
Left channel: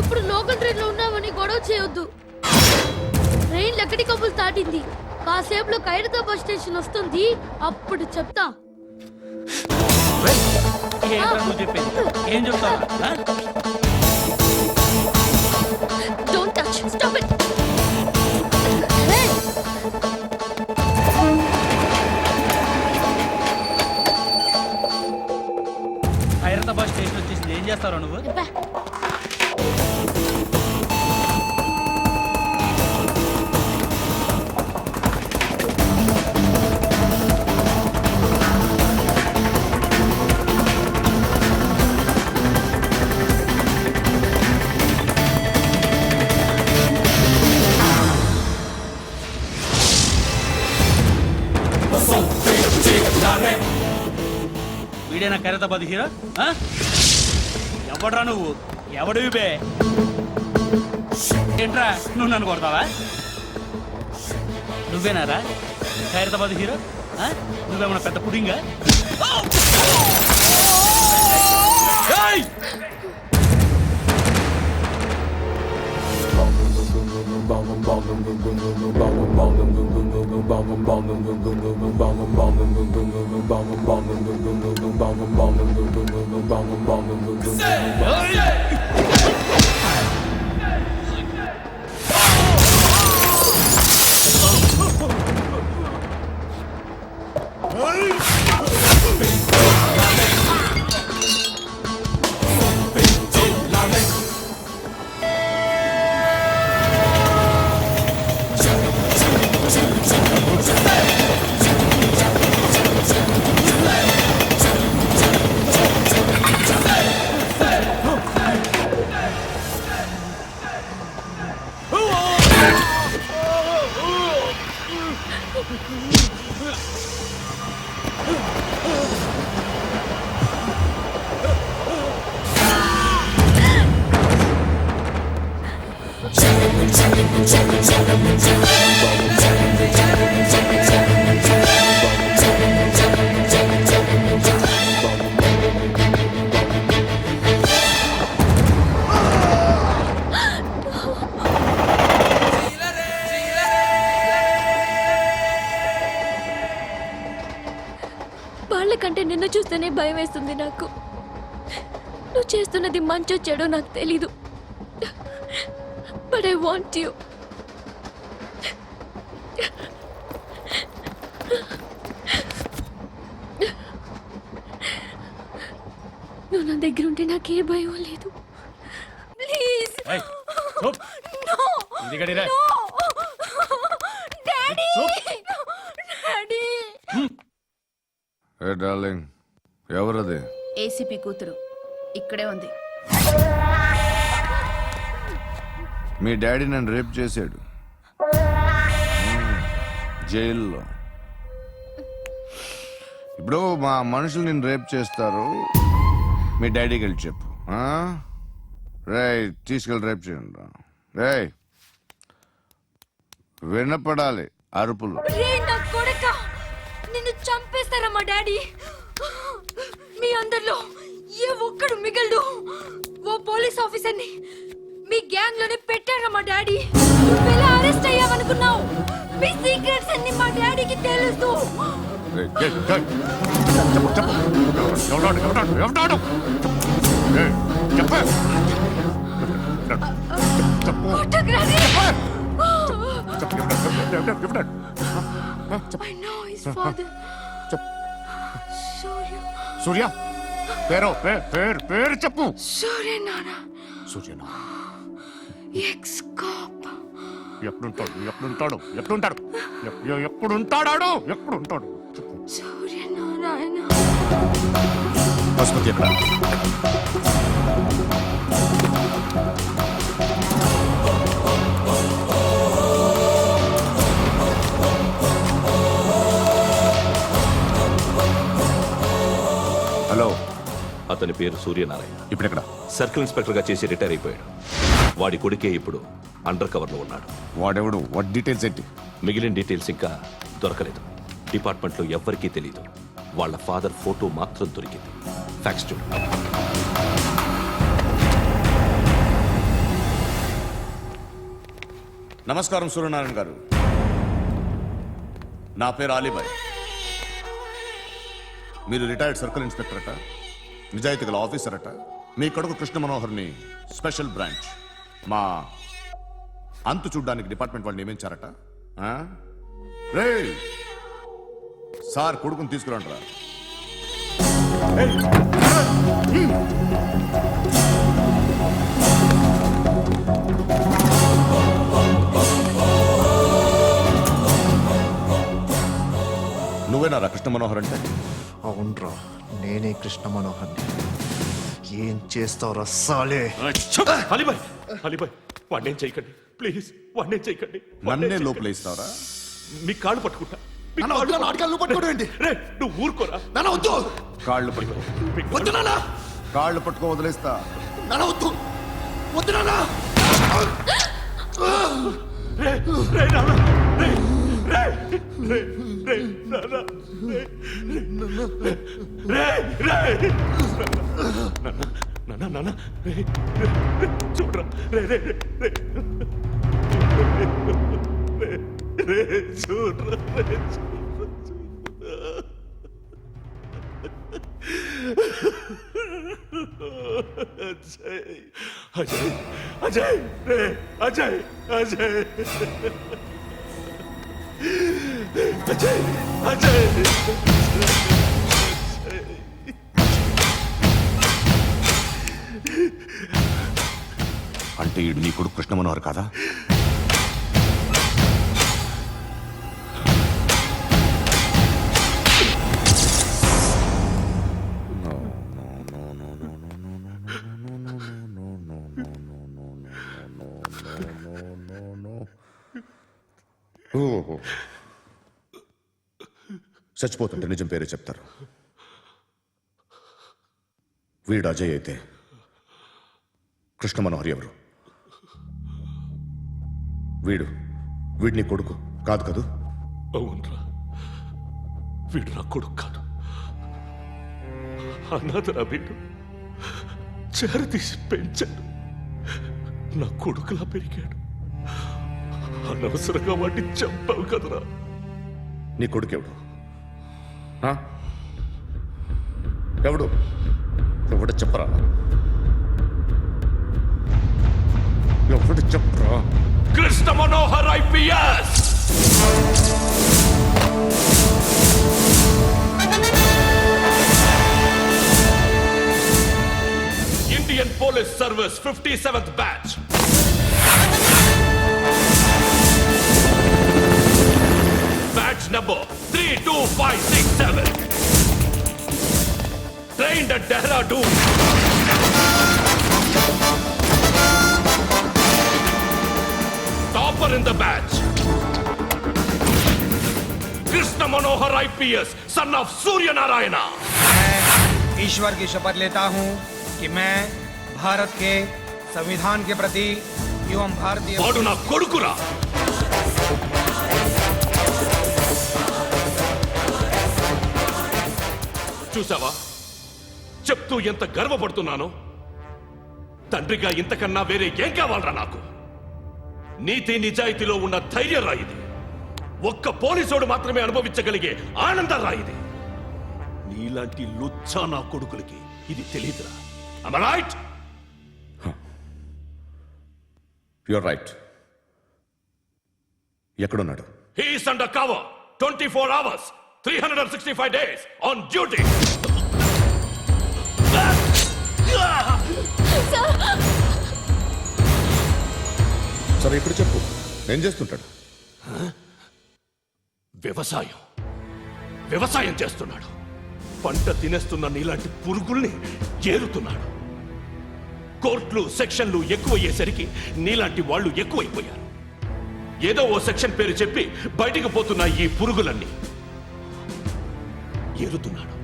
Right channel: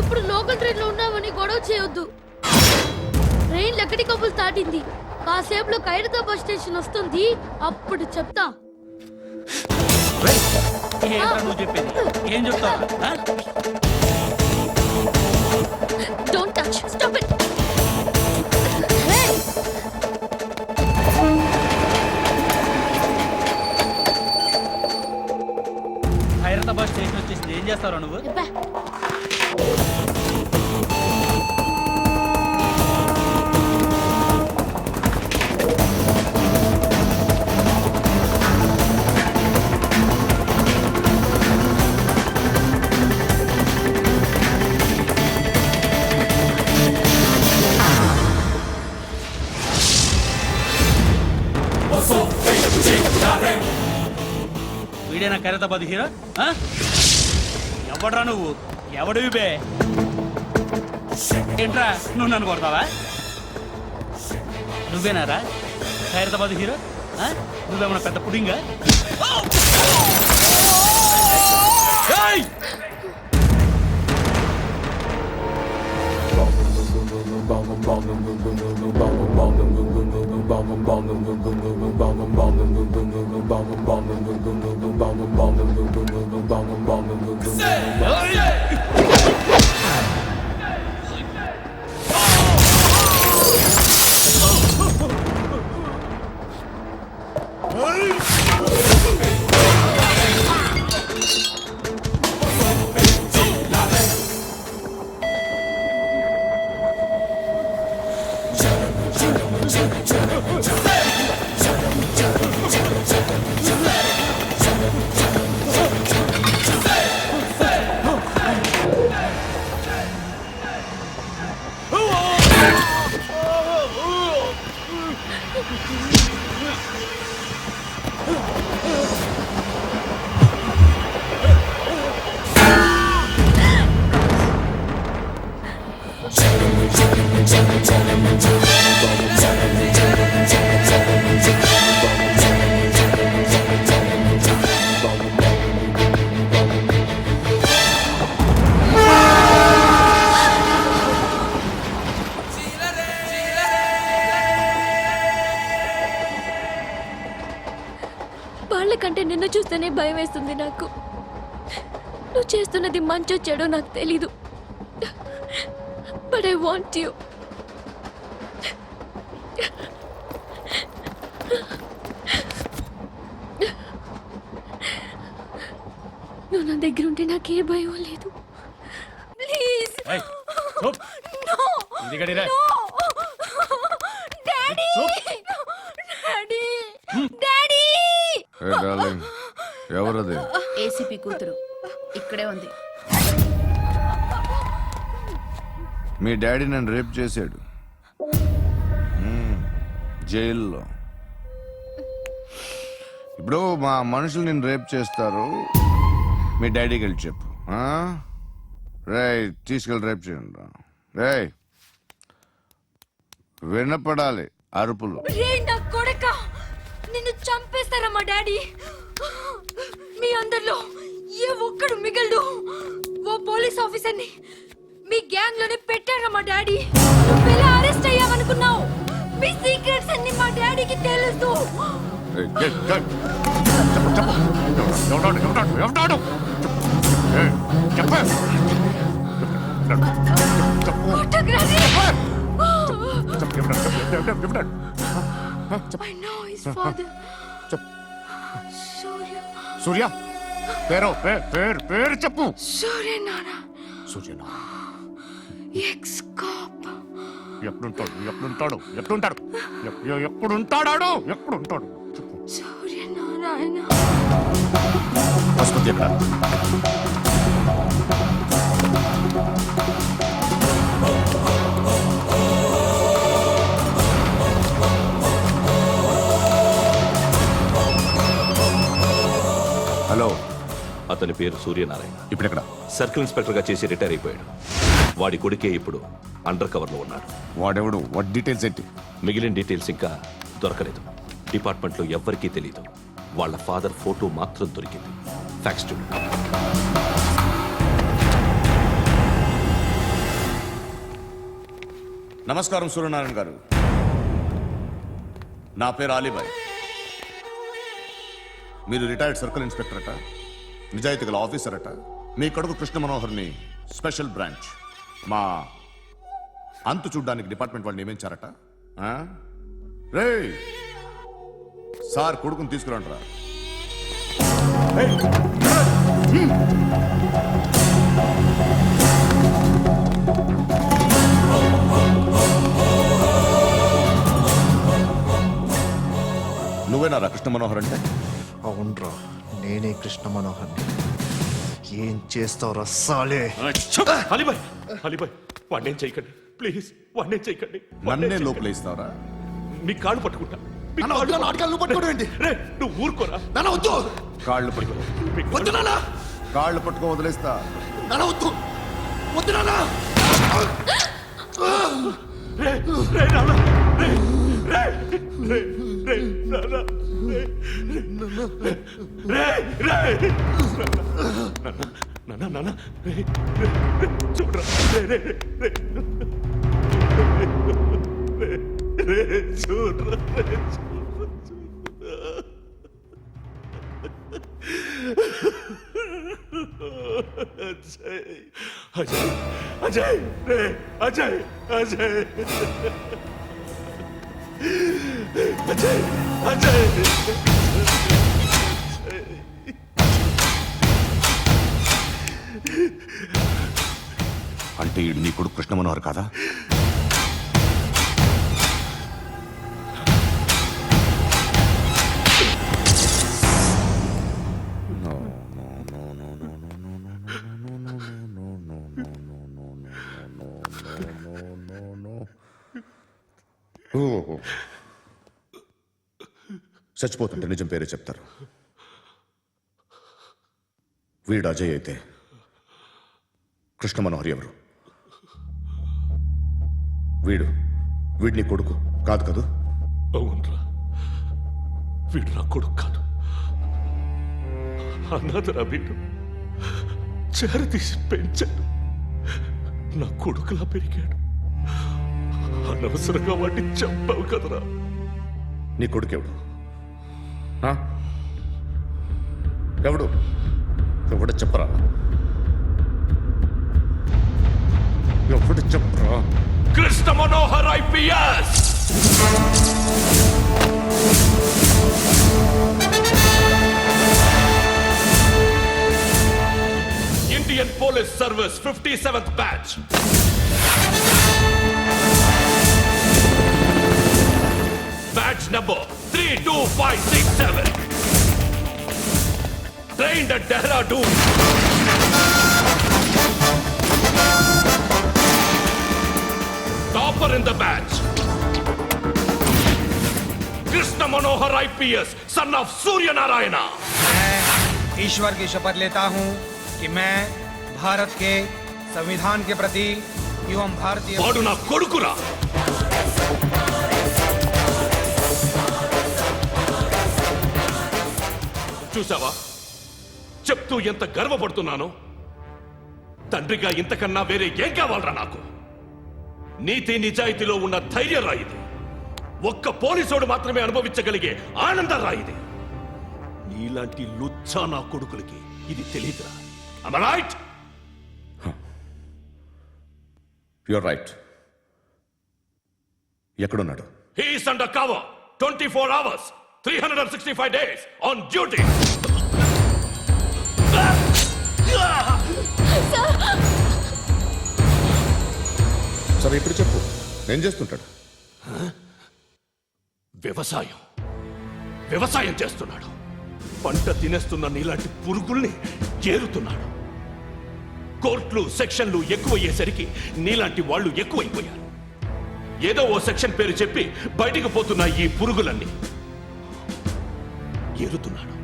ఇప్పుడు లోకల్ ట్రైన్ లో ఉన్నామని గొడవ చేయొద్దు. ట్రైన్ లక్కడి కప్పులు దాటింది. కాసేపులో ఖైరతాబాద్ స్టేషన్ వస్తుంది, అప్పుడు చెప్తా. ఏం చెప్తావు? Don't touch, stop it. Khairatabad station వచ్చేసింది, ఏం చేస్తావు నువ్వు? వీడేనా ఖైరతాబాద్ హీరో? ఎవడ్రా నువ్వు? ఎవడివి బే? ఏంట్రా నువ్వు నన్ను కొడతావా? నువ్వేనారా ఖైరతాబాద్ హీరో? నువ్వేమన్నా పెద్ద పుడింగా? వాళ్ళకంటే నిన్ను చూస్తేనే భయం వేస్తుంది నాకు. నువ్వు చేస్తున్నది మంచో చెడో నాకు తెలీదు, బట్ ఐ వాంట్ యు. నా దగ్గర ఉంటే నాకే భయం లేదు please no daddy daddy daddy hey darling, ఎవరది? ఏసీపీ కూతురు ఇక్కడే ఉంది. మీ డాడీ నన్ను రేప్ చేశాడు జైల్లో. ఇప్పుడు మా మనుషులు నిన్ను రేప్ చేస్తారు, మీ డాడీకి వెళ్ళి చెప్పు. రేయ్, తీసుకెళ్ళి రేప్ చేయండి. రేయ్, వినపడాలి అరుపులు. రే నా కొడక, నిన్ను చంపేస్తారా మా డాడీ? మీ అందరిలో ఏ ఒక్కడు మిగలడు. ఓ పోలీస్ ఆఫీసర్ని మీ గ్యాంగ్ లోనే పెట్టారా మా డాడీ? నువ్వెలా అరెస్ట్ అయ్యావనుకున్నావు? మీ సీక్రెట్స్ అన్ని మా డాడీకి తెలుసు. రేయ్, చెప్పు చెప్పు, ఎవడాడు? రేయ్, చెప్పు. కొట్టకురా రే. ఎవడాడు? I know his father. సూర్య. సూర్య పేరు చెప్పు. సూర్య నాన్న. సూర్య ఎక్స్ కాప్. ఎప్పుడుంటాడు చెప్పు. సూర్య నారాయణ. ఆసుపత్రి ఎక్కడ? హలో, అతని పేరు సూర్యనారాయణ. ఇప్పుడెక్కడ? సర్కిల్ ఇన్స్పెక్టర్ గా చేసి రిటైర్ అయిపోయాడు. వాడి కొడుకే ఇప్పుడు అండర్ కవర్ లో ఉన్నాడు. వాడెవడు? వాట్ డీటెయిల్స్ ఏంటి? మిగిలిన డీటెయిల్స్ ఇంకా దొరకలేదు. డిపార్ట్మెంట్ లో ఎవ్వరికీ తెలియదు. వాళ్ళ ఫాదర్ ఫోటో మాత్రం దొరికింది. ఫ్యాక్స్ చూడు. నమస్కారం సూర్యనారాయణ గారు, నా పేరు అలీబాయ్. మీరు రిటైర్డ్ సర్కిల్ ఇన్స్పెక్టర్ అట, నిజాయితీ గల ఆఫీసర్ అట. మీ కొడుకు కృష్ణ మనోహర్ని స్పెషల్ బ్రాంచ్ మా అంతు చూడ్డానికి డిపార్ట్మెంట్ వాళ్ళు నియమించారట. రే సార్, కొడుకుని తీసుకురండి రా. నువ్వేనారా కృష్ణ మనోహర్ అంటే? అవునరా, నేనే కృష్ణ మనోహర్ని. ఏం చేస్తావురా సాలే? అలీబాయ్, వాడినేం చేయకండి ప్లీజ్, వాడినేం చేయకండి. నన్నే లోపల ఇస్తావరా? మీ కాళ్ళు పట్టుకుంటా. నువ్వు ఊరుకోరా. కాళ్ళు పట్టుకో. కాళ్ళు పట్టుకో, వదిలేస్తా. చూడరా, చూడరా. అజయ్, అజయ్, అజయ్, అజయ్, అజయ్, అజయ్. అంటే ఈడు నీ కొడుకు కృష్ణ మనోహర్ కాదా? చచ్చిపోతుంటే నిజం పేరే చెప్తారు. వీడు అజయ్ అయితే కృష్ణ మనోహర్ ఎవరు? వీడిని కొడుకు కాదు కదూ? అవునరా, వీడు నా కొడుకు కాదు. అనాథరా వీడు. చేరతీసి పెంచాడు. నా కొడుకులా పెరిగాడు. అనవసరంగా వాడిని చంపావు కదరా. నీ కొడుకెవడు? ఎవడు? ఎవడు చెప్పరా? ఎవడు చెప్పరా? Krishna Manohar IPS. Indian Police Service 57th batch. Batch number 32567. Trained at Dehradun. Topper in the batch. Krishna Manohar IPS, son of Surya Narayana. मैं ईश्वर की शपथ लेता हूँ कि मैं भारत के संविधान के प्रति एवं भारतीय వాడు నా కొడుకురా. చూసావా చెప్తూ ఎంత గర్వపడుతున్నానో. తండ్రిగా ఇంతకన్నా వేరే ఏం కావాలరా నాకు? నీతి నిజాయితీలో ఉన్న ధైర్యం రా ఇది. ఒక్క పోలీసోడు మాత్రమే అనుభవించగలిగే ఆనందం రా ఇది. నీలాంటి లుచ్చా నా కొడుకులకి ఇది తెలియదురా. Am I right? You're right. ఎక్కడున్నాడు? He is under cover 24 hours 365 days on duty. సరే ఇప్పుడు చెప్పు, ఏం చేస్తుంటాడు? వ్యవసాయం చేస్తున్నాడు. పంట తినేస్తున్న నీలాంటి పురుగుల్ని ఏరుతున్నాడు. కోర్టులు సెక్షన్లు ఎక్కువయ్యేసరికి నీలాంటి వాళ్ళు ఎక్కువైపోయారు. ఏదో ఓ సెక్షన్ పేరు చెప్పి బయటికి పోతున్న ఈ పురుగులన్నీ ఏరుతున్నాడు.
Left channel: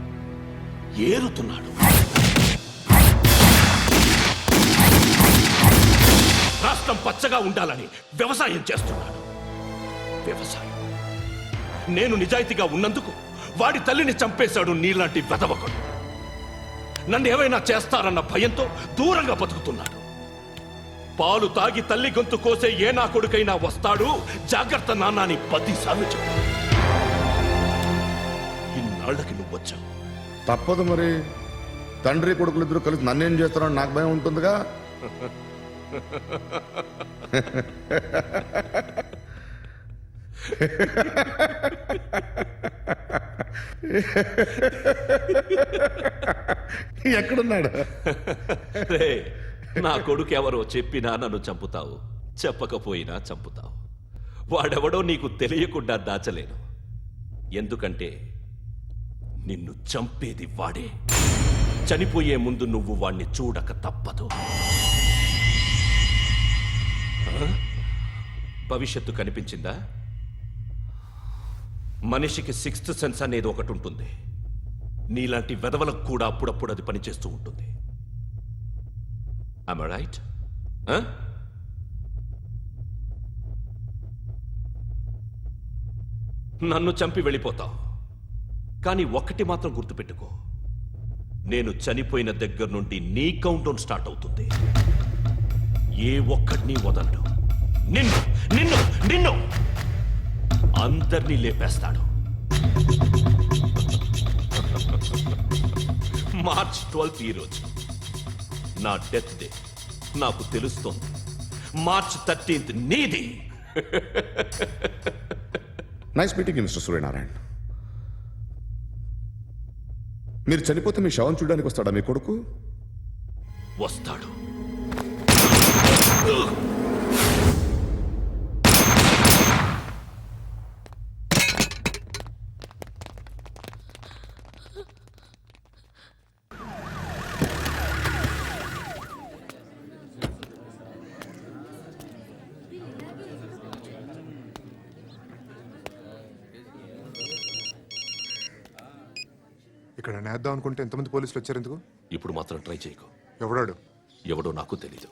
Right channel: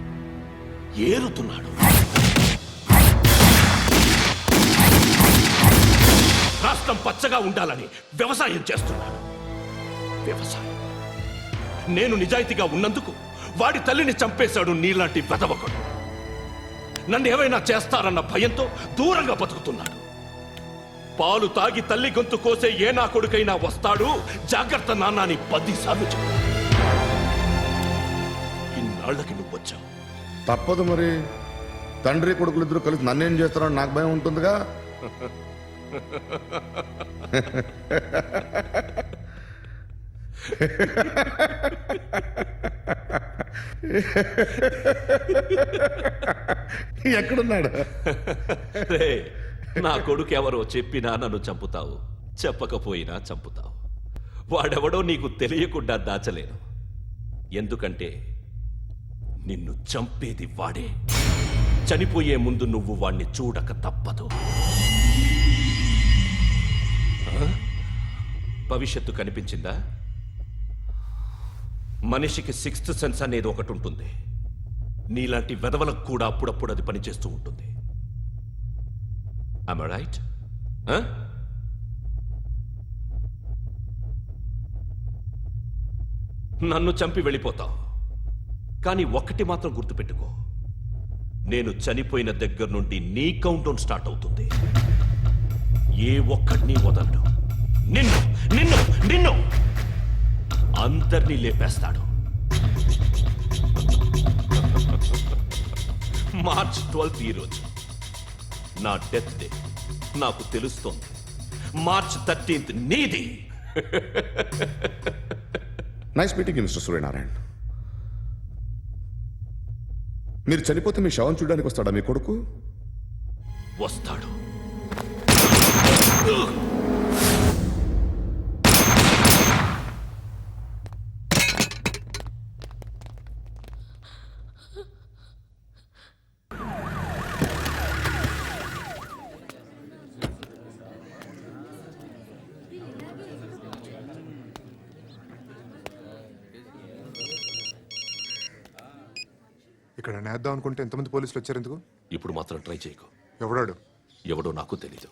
రాష్ట్రం పచ్చగా ఉండాలని వ్యవసాయం చేస్తున్నాడు. నేను నిజాయితీగా ఉన్నందుకు వాడి తల్లిని చంపేశాడు నీలాంటి వెధవకుడు. నన్ను ఏమైనా చేస్తారన్న భయంతో దూరంగా బతుకుతున్నాడు. పాలు తాగి తల్లి గొంతు కోసే ఏ నా కొడుకైనా వస్తాడు, జాగ్రత్త నాన్న అని 10 సార్లు చెప్పాడు. ఇన్నాళ్ళకి నువ్వు వచ్చావు. తప్పదు మరి. తండ్రి కొడుకులు ఇద్దరు కలిసి నన్నేం చేస్తారని నాకు భయం ఉంటుందిగా. ఎక్కడున్నాడు? నా కొడుకు ఎవరో చెప్పినా నన్ను చంపుతావు, చెప్పకపోయినా చంపుతావు. వాడెవడో నీకు తెలియకుండా దాచలేను. ఎందుకంటే నిన్ను చంపేది వాడే. చనిపోయే ముందు నువ్వు వాణ్ణి చూడక తప్పదు. భవిష్యత్తు కనిపించిందా? మనిషికి 6th సెన్స్ అనేది ఒకటి ఉంటుంది. నీలాంటి వెధవలకు కూడా అప్పుడప్పుడు అది పనిచేస్తూ ఉంటుంది. Am I right? నన్ను చంపి వెళ్ళిపోతావు. కానీ ఒక్కటి మాత్రం గుర్తుపెట్టుకో, నేను చనిపోయిన దగ్గర నుండి నీ కౌంటౌన్ స్టార్ట్ అవుతుంది. ఏ ఒక్కడిని వదలడు. నిన్ను నిన్ను నిన్ను అందరినీ లేపేస్తాడు. మార్చ్ 12 ఈ రోజు నా డెత్ డే. నాకు తెలుస్తోంది. మార్చ్ 13 నీది. Nice meeting mister Suryanarayana. మీరు చనిపోతే మీ శవం చూడడానికి వస్తాడా మీ కొడుకు? వస్తాడు. ఇక్కడ నేద్దాం అనుకుంటే ఎంతమంది పోలీసులు వచ్చారు ఎందుకు? ఇప్పుడు మాత్రం ట్రై చేయకు. ఎవడో నాకు తెలీదు.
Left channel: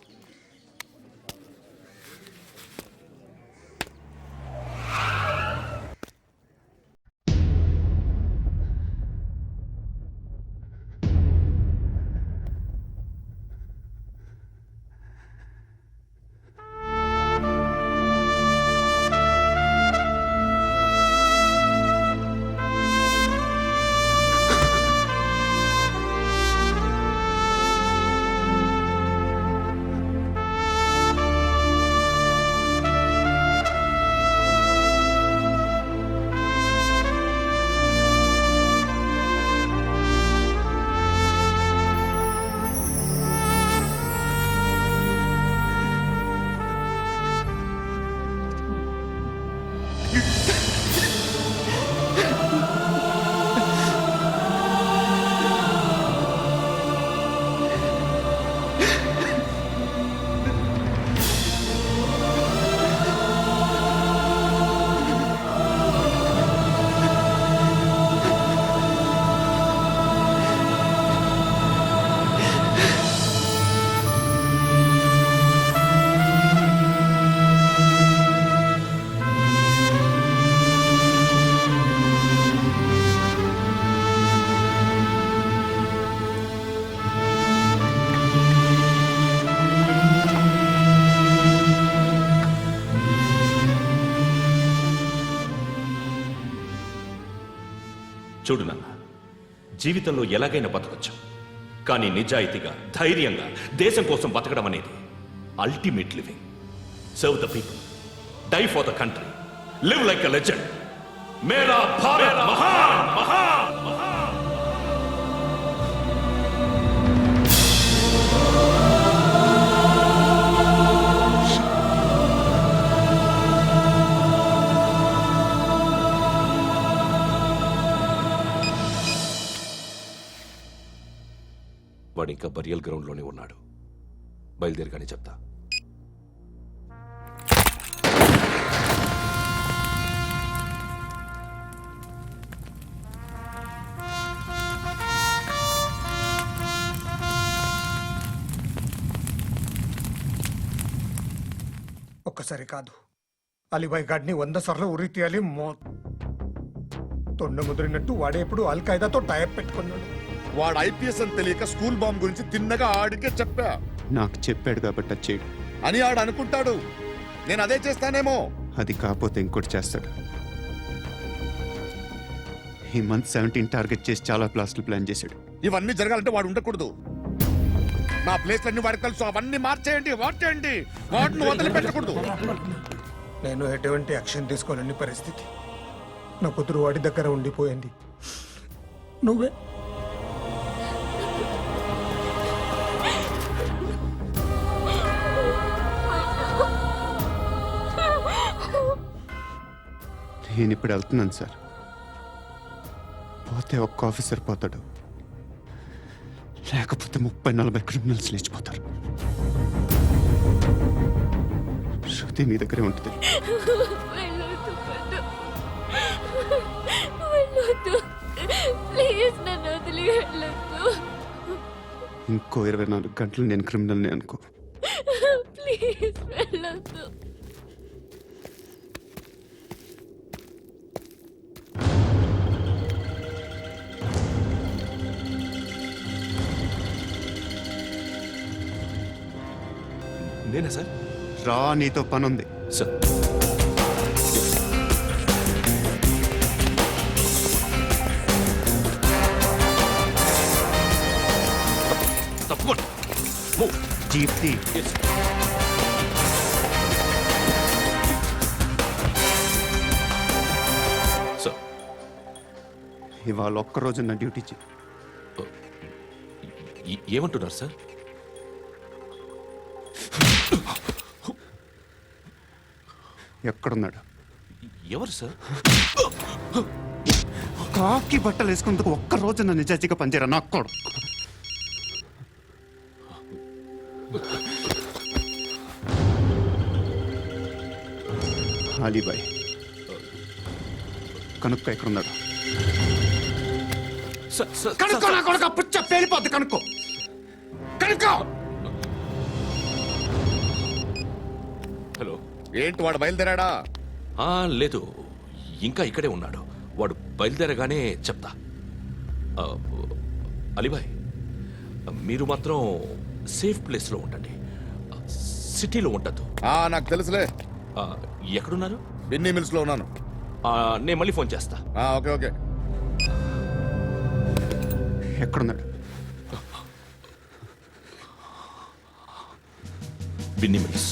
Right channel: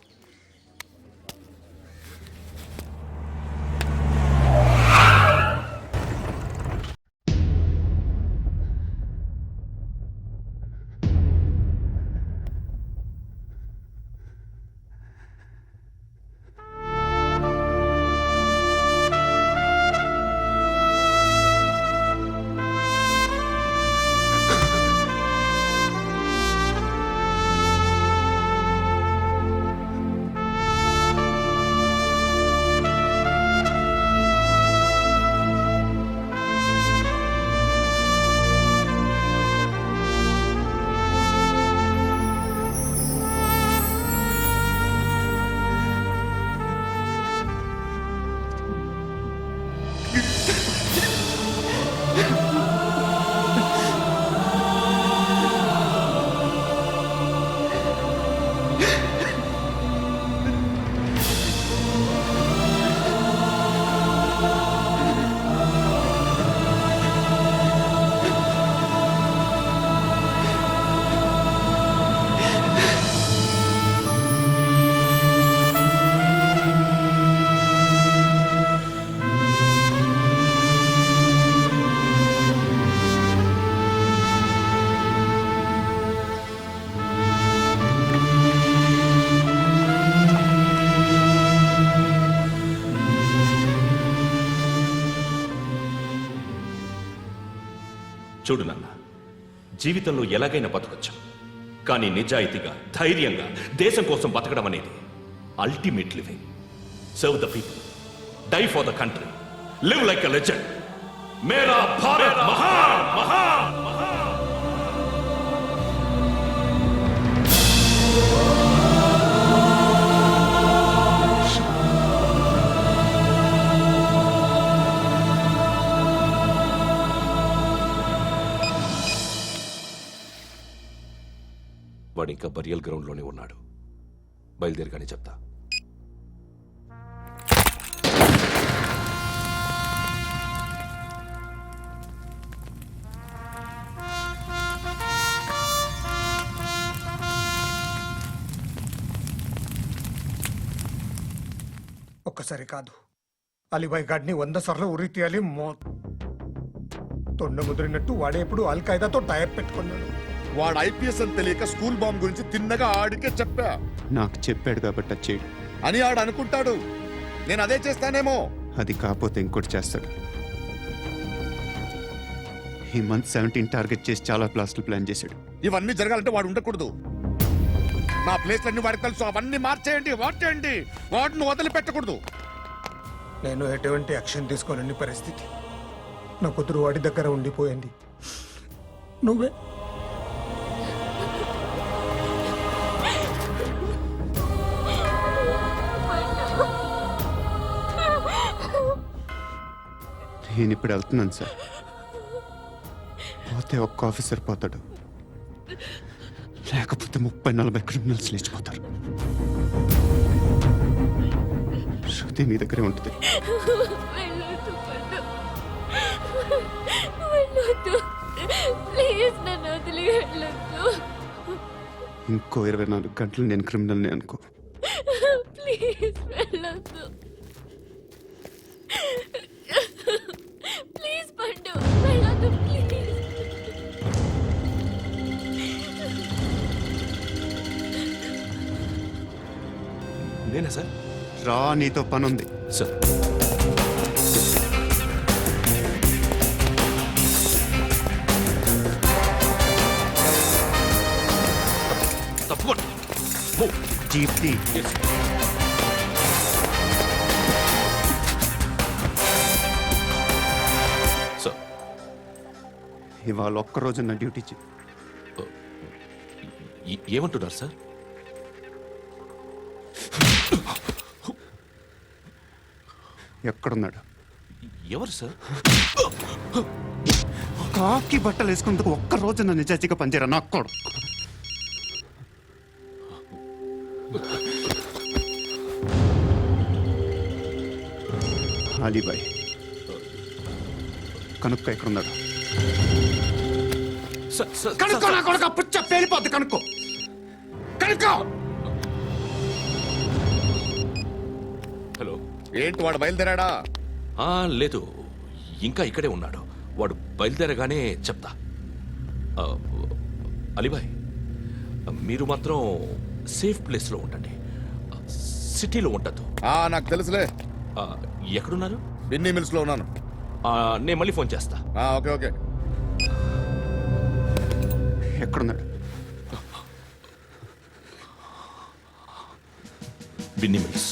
చూడు నాన్న, జీవితంలో ఎలాగైనా బతకొచ్చు, కానీ నిజాయితీగా ధైర్యంగా దేశం కోసం బతకడం అనేది ultimate living. Serve the people, die for the country, live like a legend. మేరా భారత్ మహాన్ మహాన్ మహాన్. వాడు ఇంకా బరియల్ గ్రౌండ్లోనే ఉన్నాడు. బయలుదేరగానే చెప్తా. ఒక్కసారి కాదు, అలీబాయ్ గాడిని 100 సార్లు ఉరి తీయాలి. తొండ ముదిరినట్టు వాడే ఎప్పుడు అల్ ఖైదాతో టైప్ పెట్టుకున్నాడు. వాడు ఐపీఎస్ అని తెలియక స్కూల్ బాంబ్ గురించి తిన్నగా ఆడికే చెప్పా నాకు చెప్పాడు కాబట్టి అది చేయడు. అని ఆడు అనుకుంటాడు. నేను అదే చేస్తానేమో. అది కాకపోతే ఇంకోటి చేస్తాడు. ఈ మంత్ 17 టార్గెట్ చేసి చాలా ప్లాస్ట్లు ప్లాన్ చేశాడు. ఇవన్నీ జరగాలంటే వాడు ఉండకూడదు. నా ప్లేస్లన్నీ వాడికి తెలుసు. అవన్నీ మార్చేయండి, వాటేయండి. వాటిని వదిలిపెట్టకూడదు. నేను ఎటువంటి యాక్షన్ తీసుకోలేని పరిస్థితి. నా కూతురు వాడి దగ్గర ఉండిపోయింది. నువ్వే నేను ఇప్పుడు వెళ్తున్నాను సార్. పోతే ఒక్క ఆఫీసర్ పోతాడు, లేకపోతే 30-40 క్రిమినల్స్ లేచిపోతారు. శృతి మీ దగ్గరే ఉంటుంది. ఇంకో 24 గంటలు నేను క్రిమినల్ని అనుకో. ప్లీజ్ వెళ్ళొద్దు. ప్లీజ్ పండు వెళ్ళొద్దు. నేనా సార్? రా, నీతో పని ఉంది సార్. తప్పకుండా జీప్తి. సార్, ఇవాళ ఒక్కరోజు నా డ్యూటీ చేయి. ఏమంటున్నారు సార్? ఎక్కడున్నాడు? ఎవరు సార్? కాకి బట్టలు వేసుకున్నందుకు ఒక్కరోజు నా నిజాయితీగా పనిచేయరా నాకు కూడా. అలీబాయ్ కనుక్కో, ఎక్కడున్నాడు? కనుక్కో నా కొడుకు. పుచ్చ పేలిపోద్ది. కనుక్కో, కనుక్కో. హలో, ఏంటి వాడు బయలుదేరాడా? లేదు, ఇంకా ఇక్కడే ఉన్నాడు. వాడు బయలుదేరగానే చెప్తా. అలీబాయ్, మీరు మాత్రం సేఫ్ ప్లేస్లో ఉండండి, సిటీలో ఉండద్దు. నాకు తెలుసులే. ఎక్కడున్నారు? బిన్నీ మిల్స్ లో ఉన్నాను. నేను మళ్ళీ ఫోన్ చేస్తా. Okay okay. ఎక్కడున్నాడు? బిన్నీ మిల్స్.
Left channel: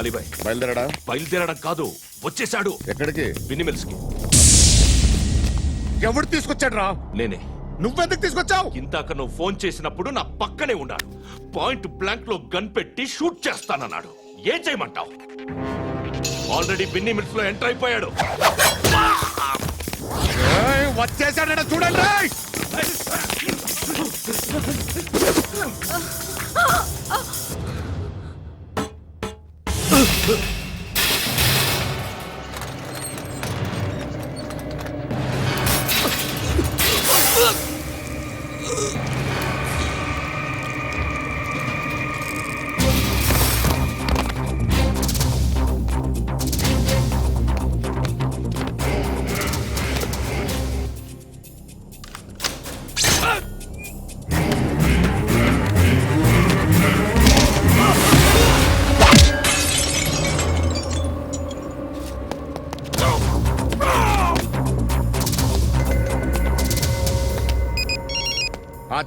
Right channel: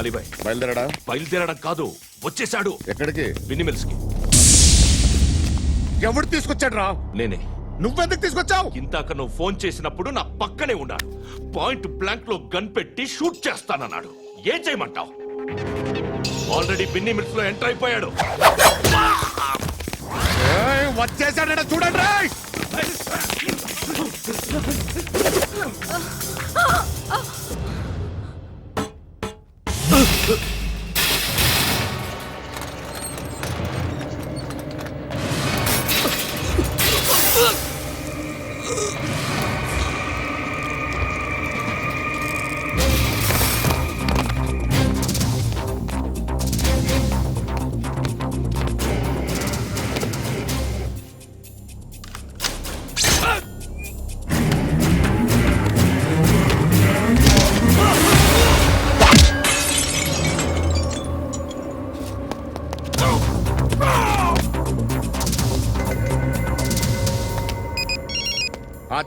అలీబాయ్ బయలుదేరాడా? బయలుదేరడం కాదు, వచ్చేసాడు. ఎక్కడికి? బిన్నీ మిల్స్ కి. ఎవడు తీసుకొచ్చాడు రా? నేనే. నువ్వెందుకు తీసుకొచ్చావు? ఇందాక నువ్వు ఫోన్ చేసినప్పుడు నా పక్కనే ఉన్నాడు. పాయింట్ బ్లాంక్ లో గన్ పెట్టి షూట్ చేస్తానన్నాడు. ఏం చేయమంటావు? ఆల్రెడీ బిన్నీ మిల్స్ లో ఎంటర్ అయిపోయాడు. వచ్చేసాడ చూడండి.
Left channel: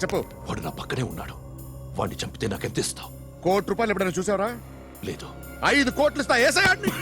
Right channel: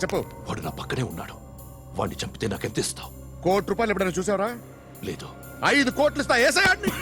చెప్పు. వాడు నా పక్కనే ఉన్నాడు. వాడిని చంపితే నాకెంత ఇస్తావు? ₹1 ఎప్పుడైనా చూసావరా? లేదు. 5 కోట్లు ఇస్తా. ఏసయాడిని.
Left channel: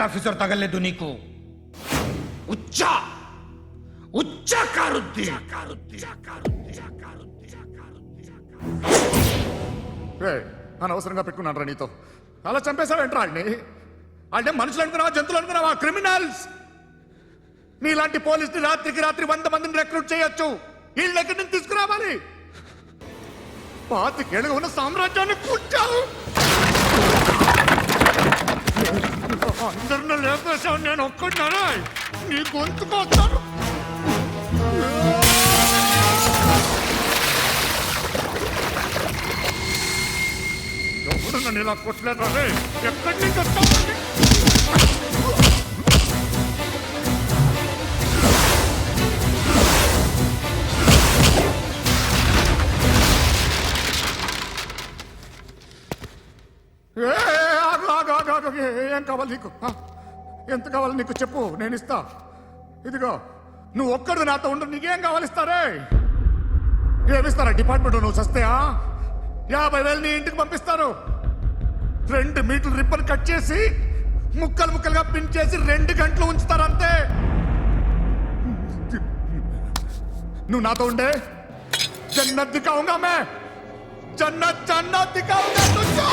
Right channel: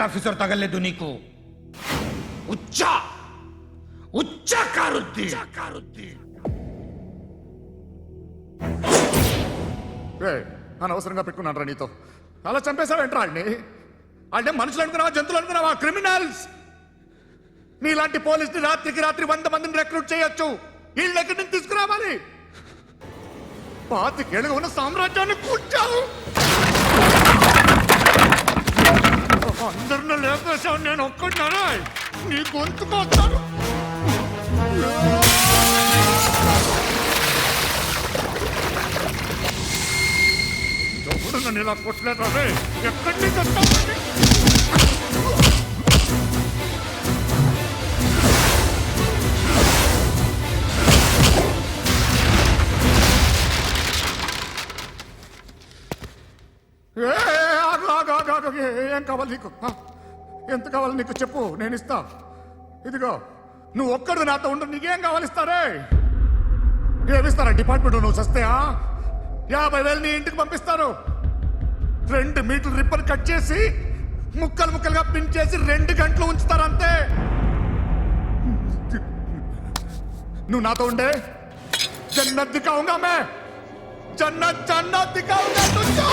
కరెక్ట్ ఆఫీసర్ తగలేదు నీకు ఉచ్చా ఉచ్చా కారుద్ది అనవసరంగా పెట్టుకున్నాను నీతో అలా చంపేశావేంట్రా ఆయన్ని అంటే మనుషులు అనుకున్నావా జంతువులు అనుకున్నావా క్రిమినల్స్ నీలాంటి పోలీసుని రాత్రికి రాత్రి 100 మందిని రిక్రూట్ చేయొచ్చు వీళ్ళ దగ్గర నుంచి తీసుకురావాలి పాతికేళ్ళగా ఉన్న సామ్రాజ్యాన్ని కూర్చావు అందరిని లేపేశావు నేను ఒక్కడినారా నీ గొంతుకొస్తాను ఎవడు నన్ను ఇలా కొట్టలేదు రే ఎక్కడి నుంచి వస్తావండి ఏం కావాలి నీకు ఎంత కావాలి నీకు చెప్పు నేను ఇస్తా ఇదిగో నువ్వు ఒక్కడు నాతో ఉండు నీకేం కావాలి ఇస్తారే ఏమిస్తారా డిపార్ట్మెంట్ నువ్వు చస్తేయా 50,000 నీ ఇంటికి పంపిస్తారు 2 మీటర్లు రిబ్బన్ కట్ చేసి ముక్కలు ముక్కలుగా పిన్ చేసి 2 గంటలు ఉంచుతారు అంతే నువ్వు నాతో ఉండే జన్నత్ దిఖాऊंगा मैं जन्नत जन्नत दिखाऊंगा तुझको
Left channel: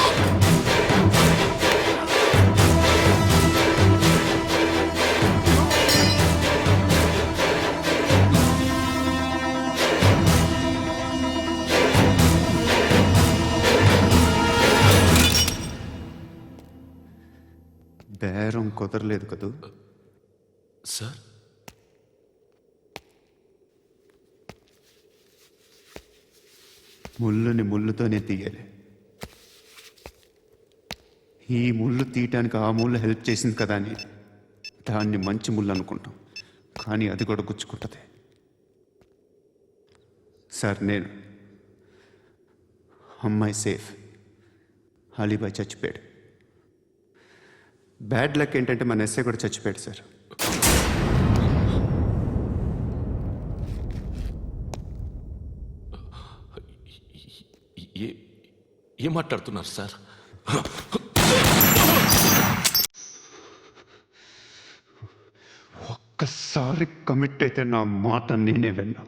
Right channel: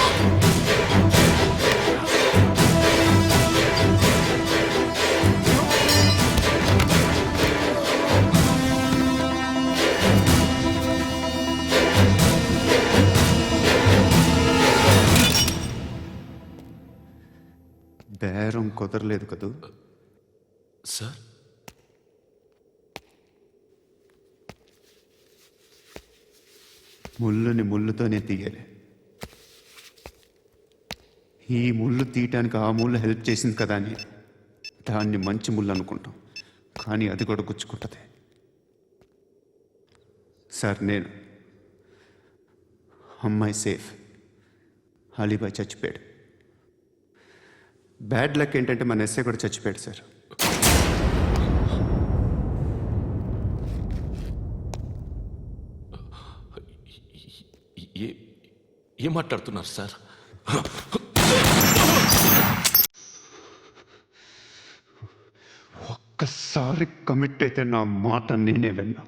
బేరం కుదరలేదు కదూ సార్ ముళ్ళుని ముళ్ళుతోనే తీయాలి ఈ ముళ్ళు తీయటానికి ఆ ముళ్ళు హెల్ప్ చేసింది కదా అని దాన్ని మంచి ముళ్ళు అనుకుంటాం కానీ అది కూడా గుచ్చుకుంటుంది సార్ నేను అమ్మాయి సేఫ్ అలీబాయ్ చచ్చిపోయాడు బ్యాడ్ లక్ ఏంటంటే మన ఎస్ఐ కూడా చచ్చిపోయాడు సార్ ఏం మాట్లాడుతున్నారు సార్ ఒక్కసారి కమిట్ అయితే నా మాట నేనే విన్నా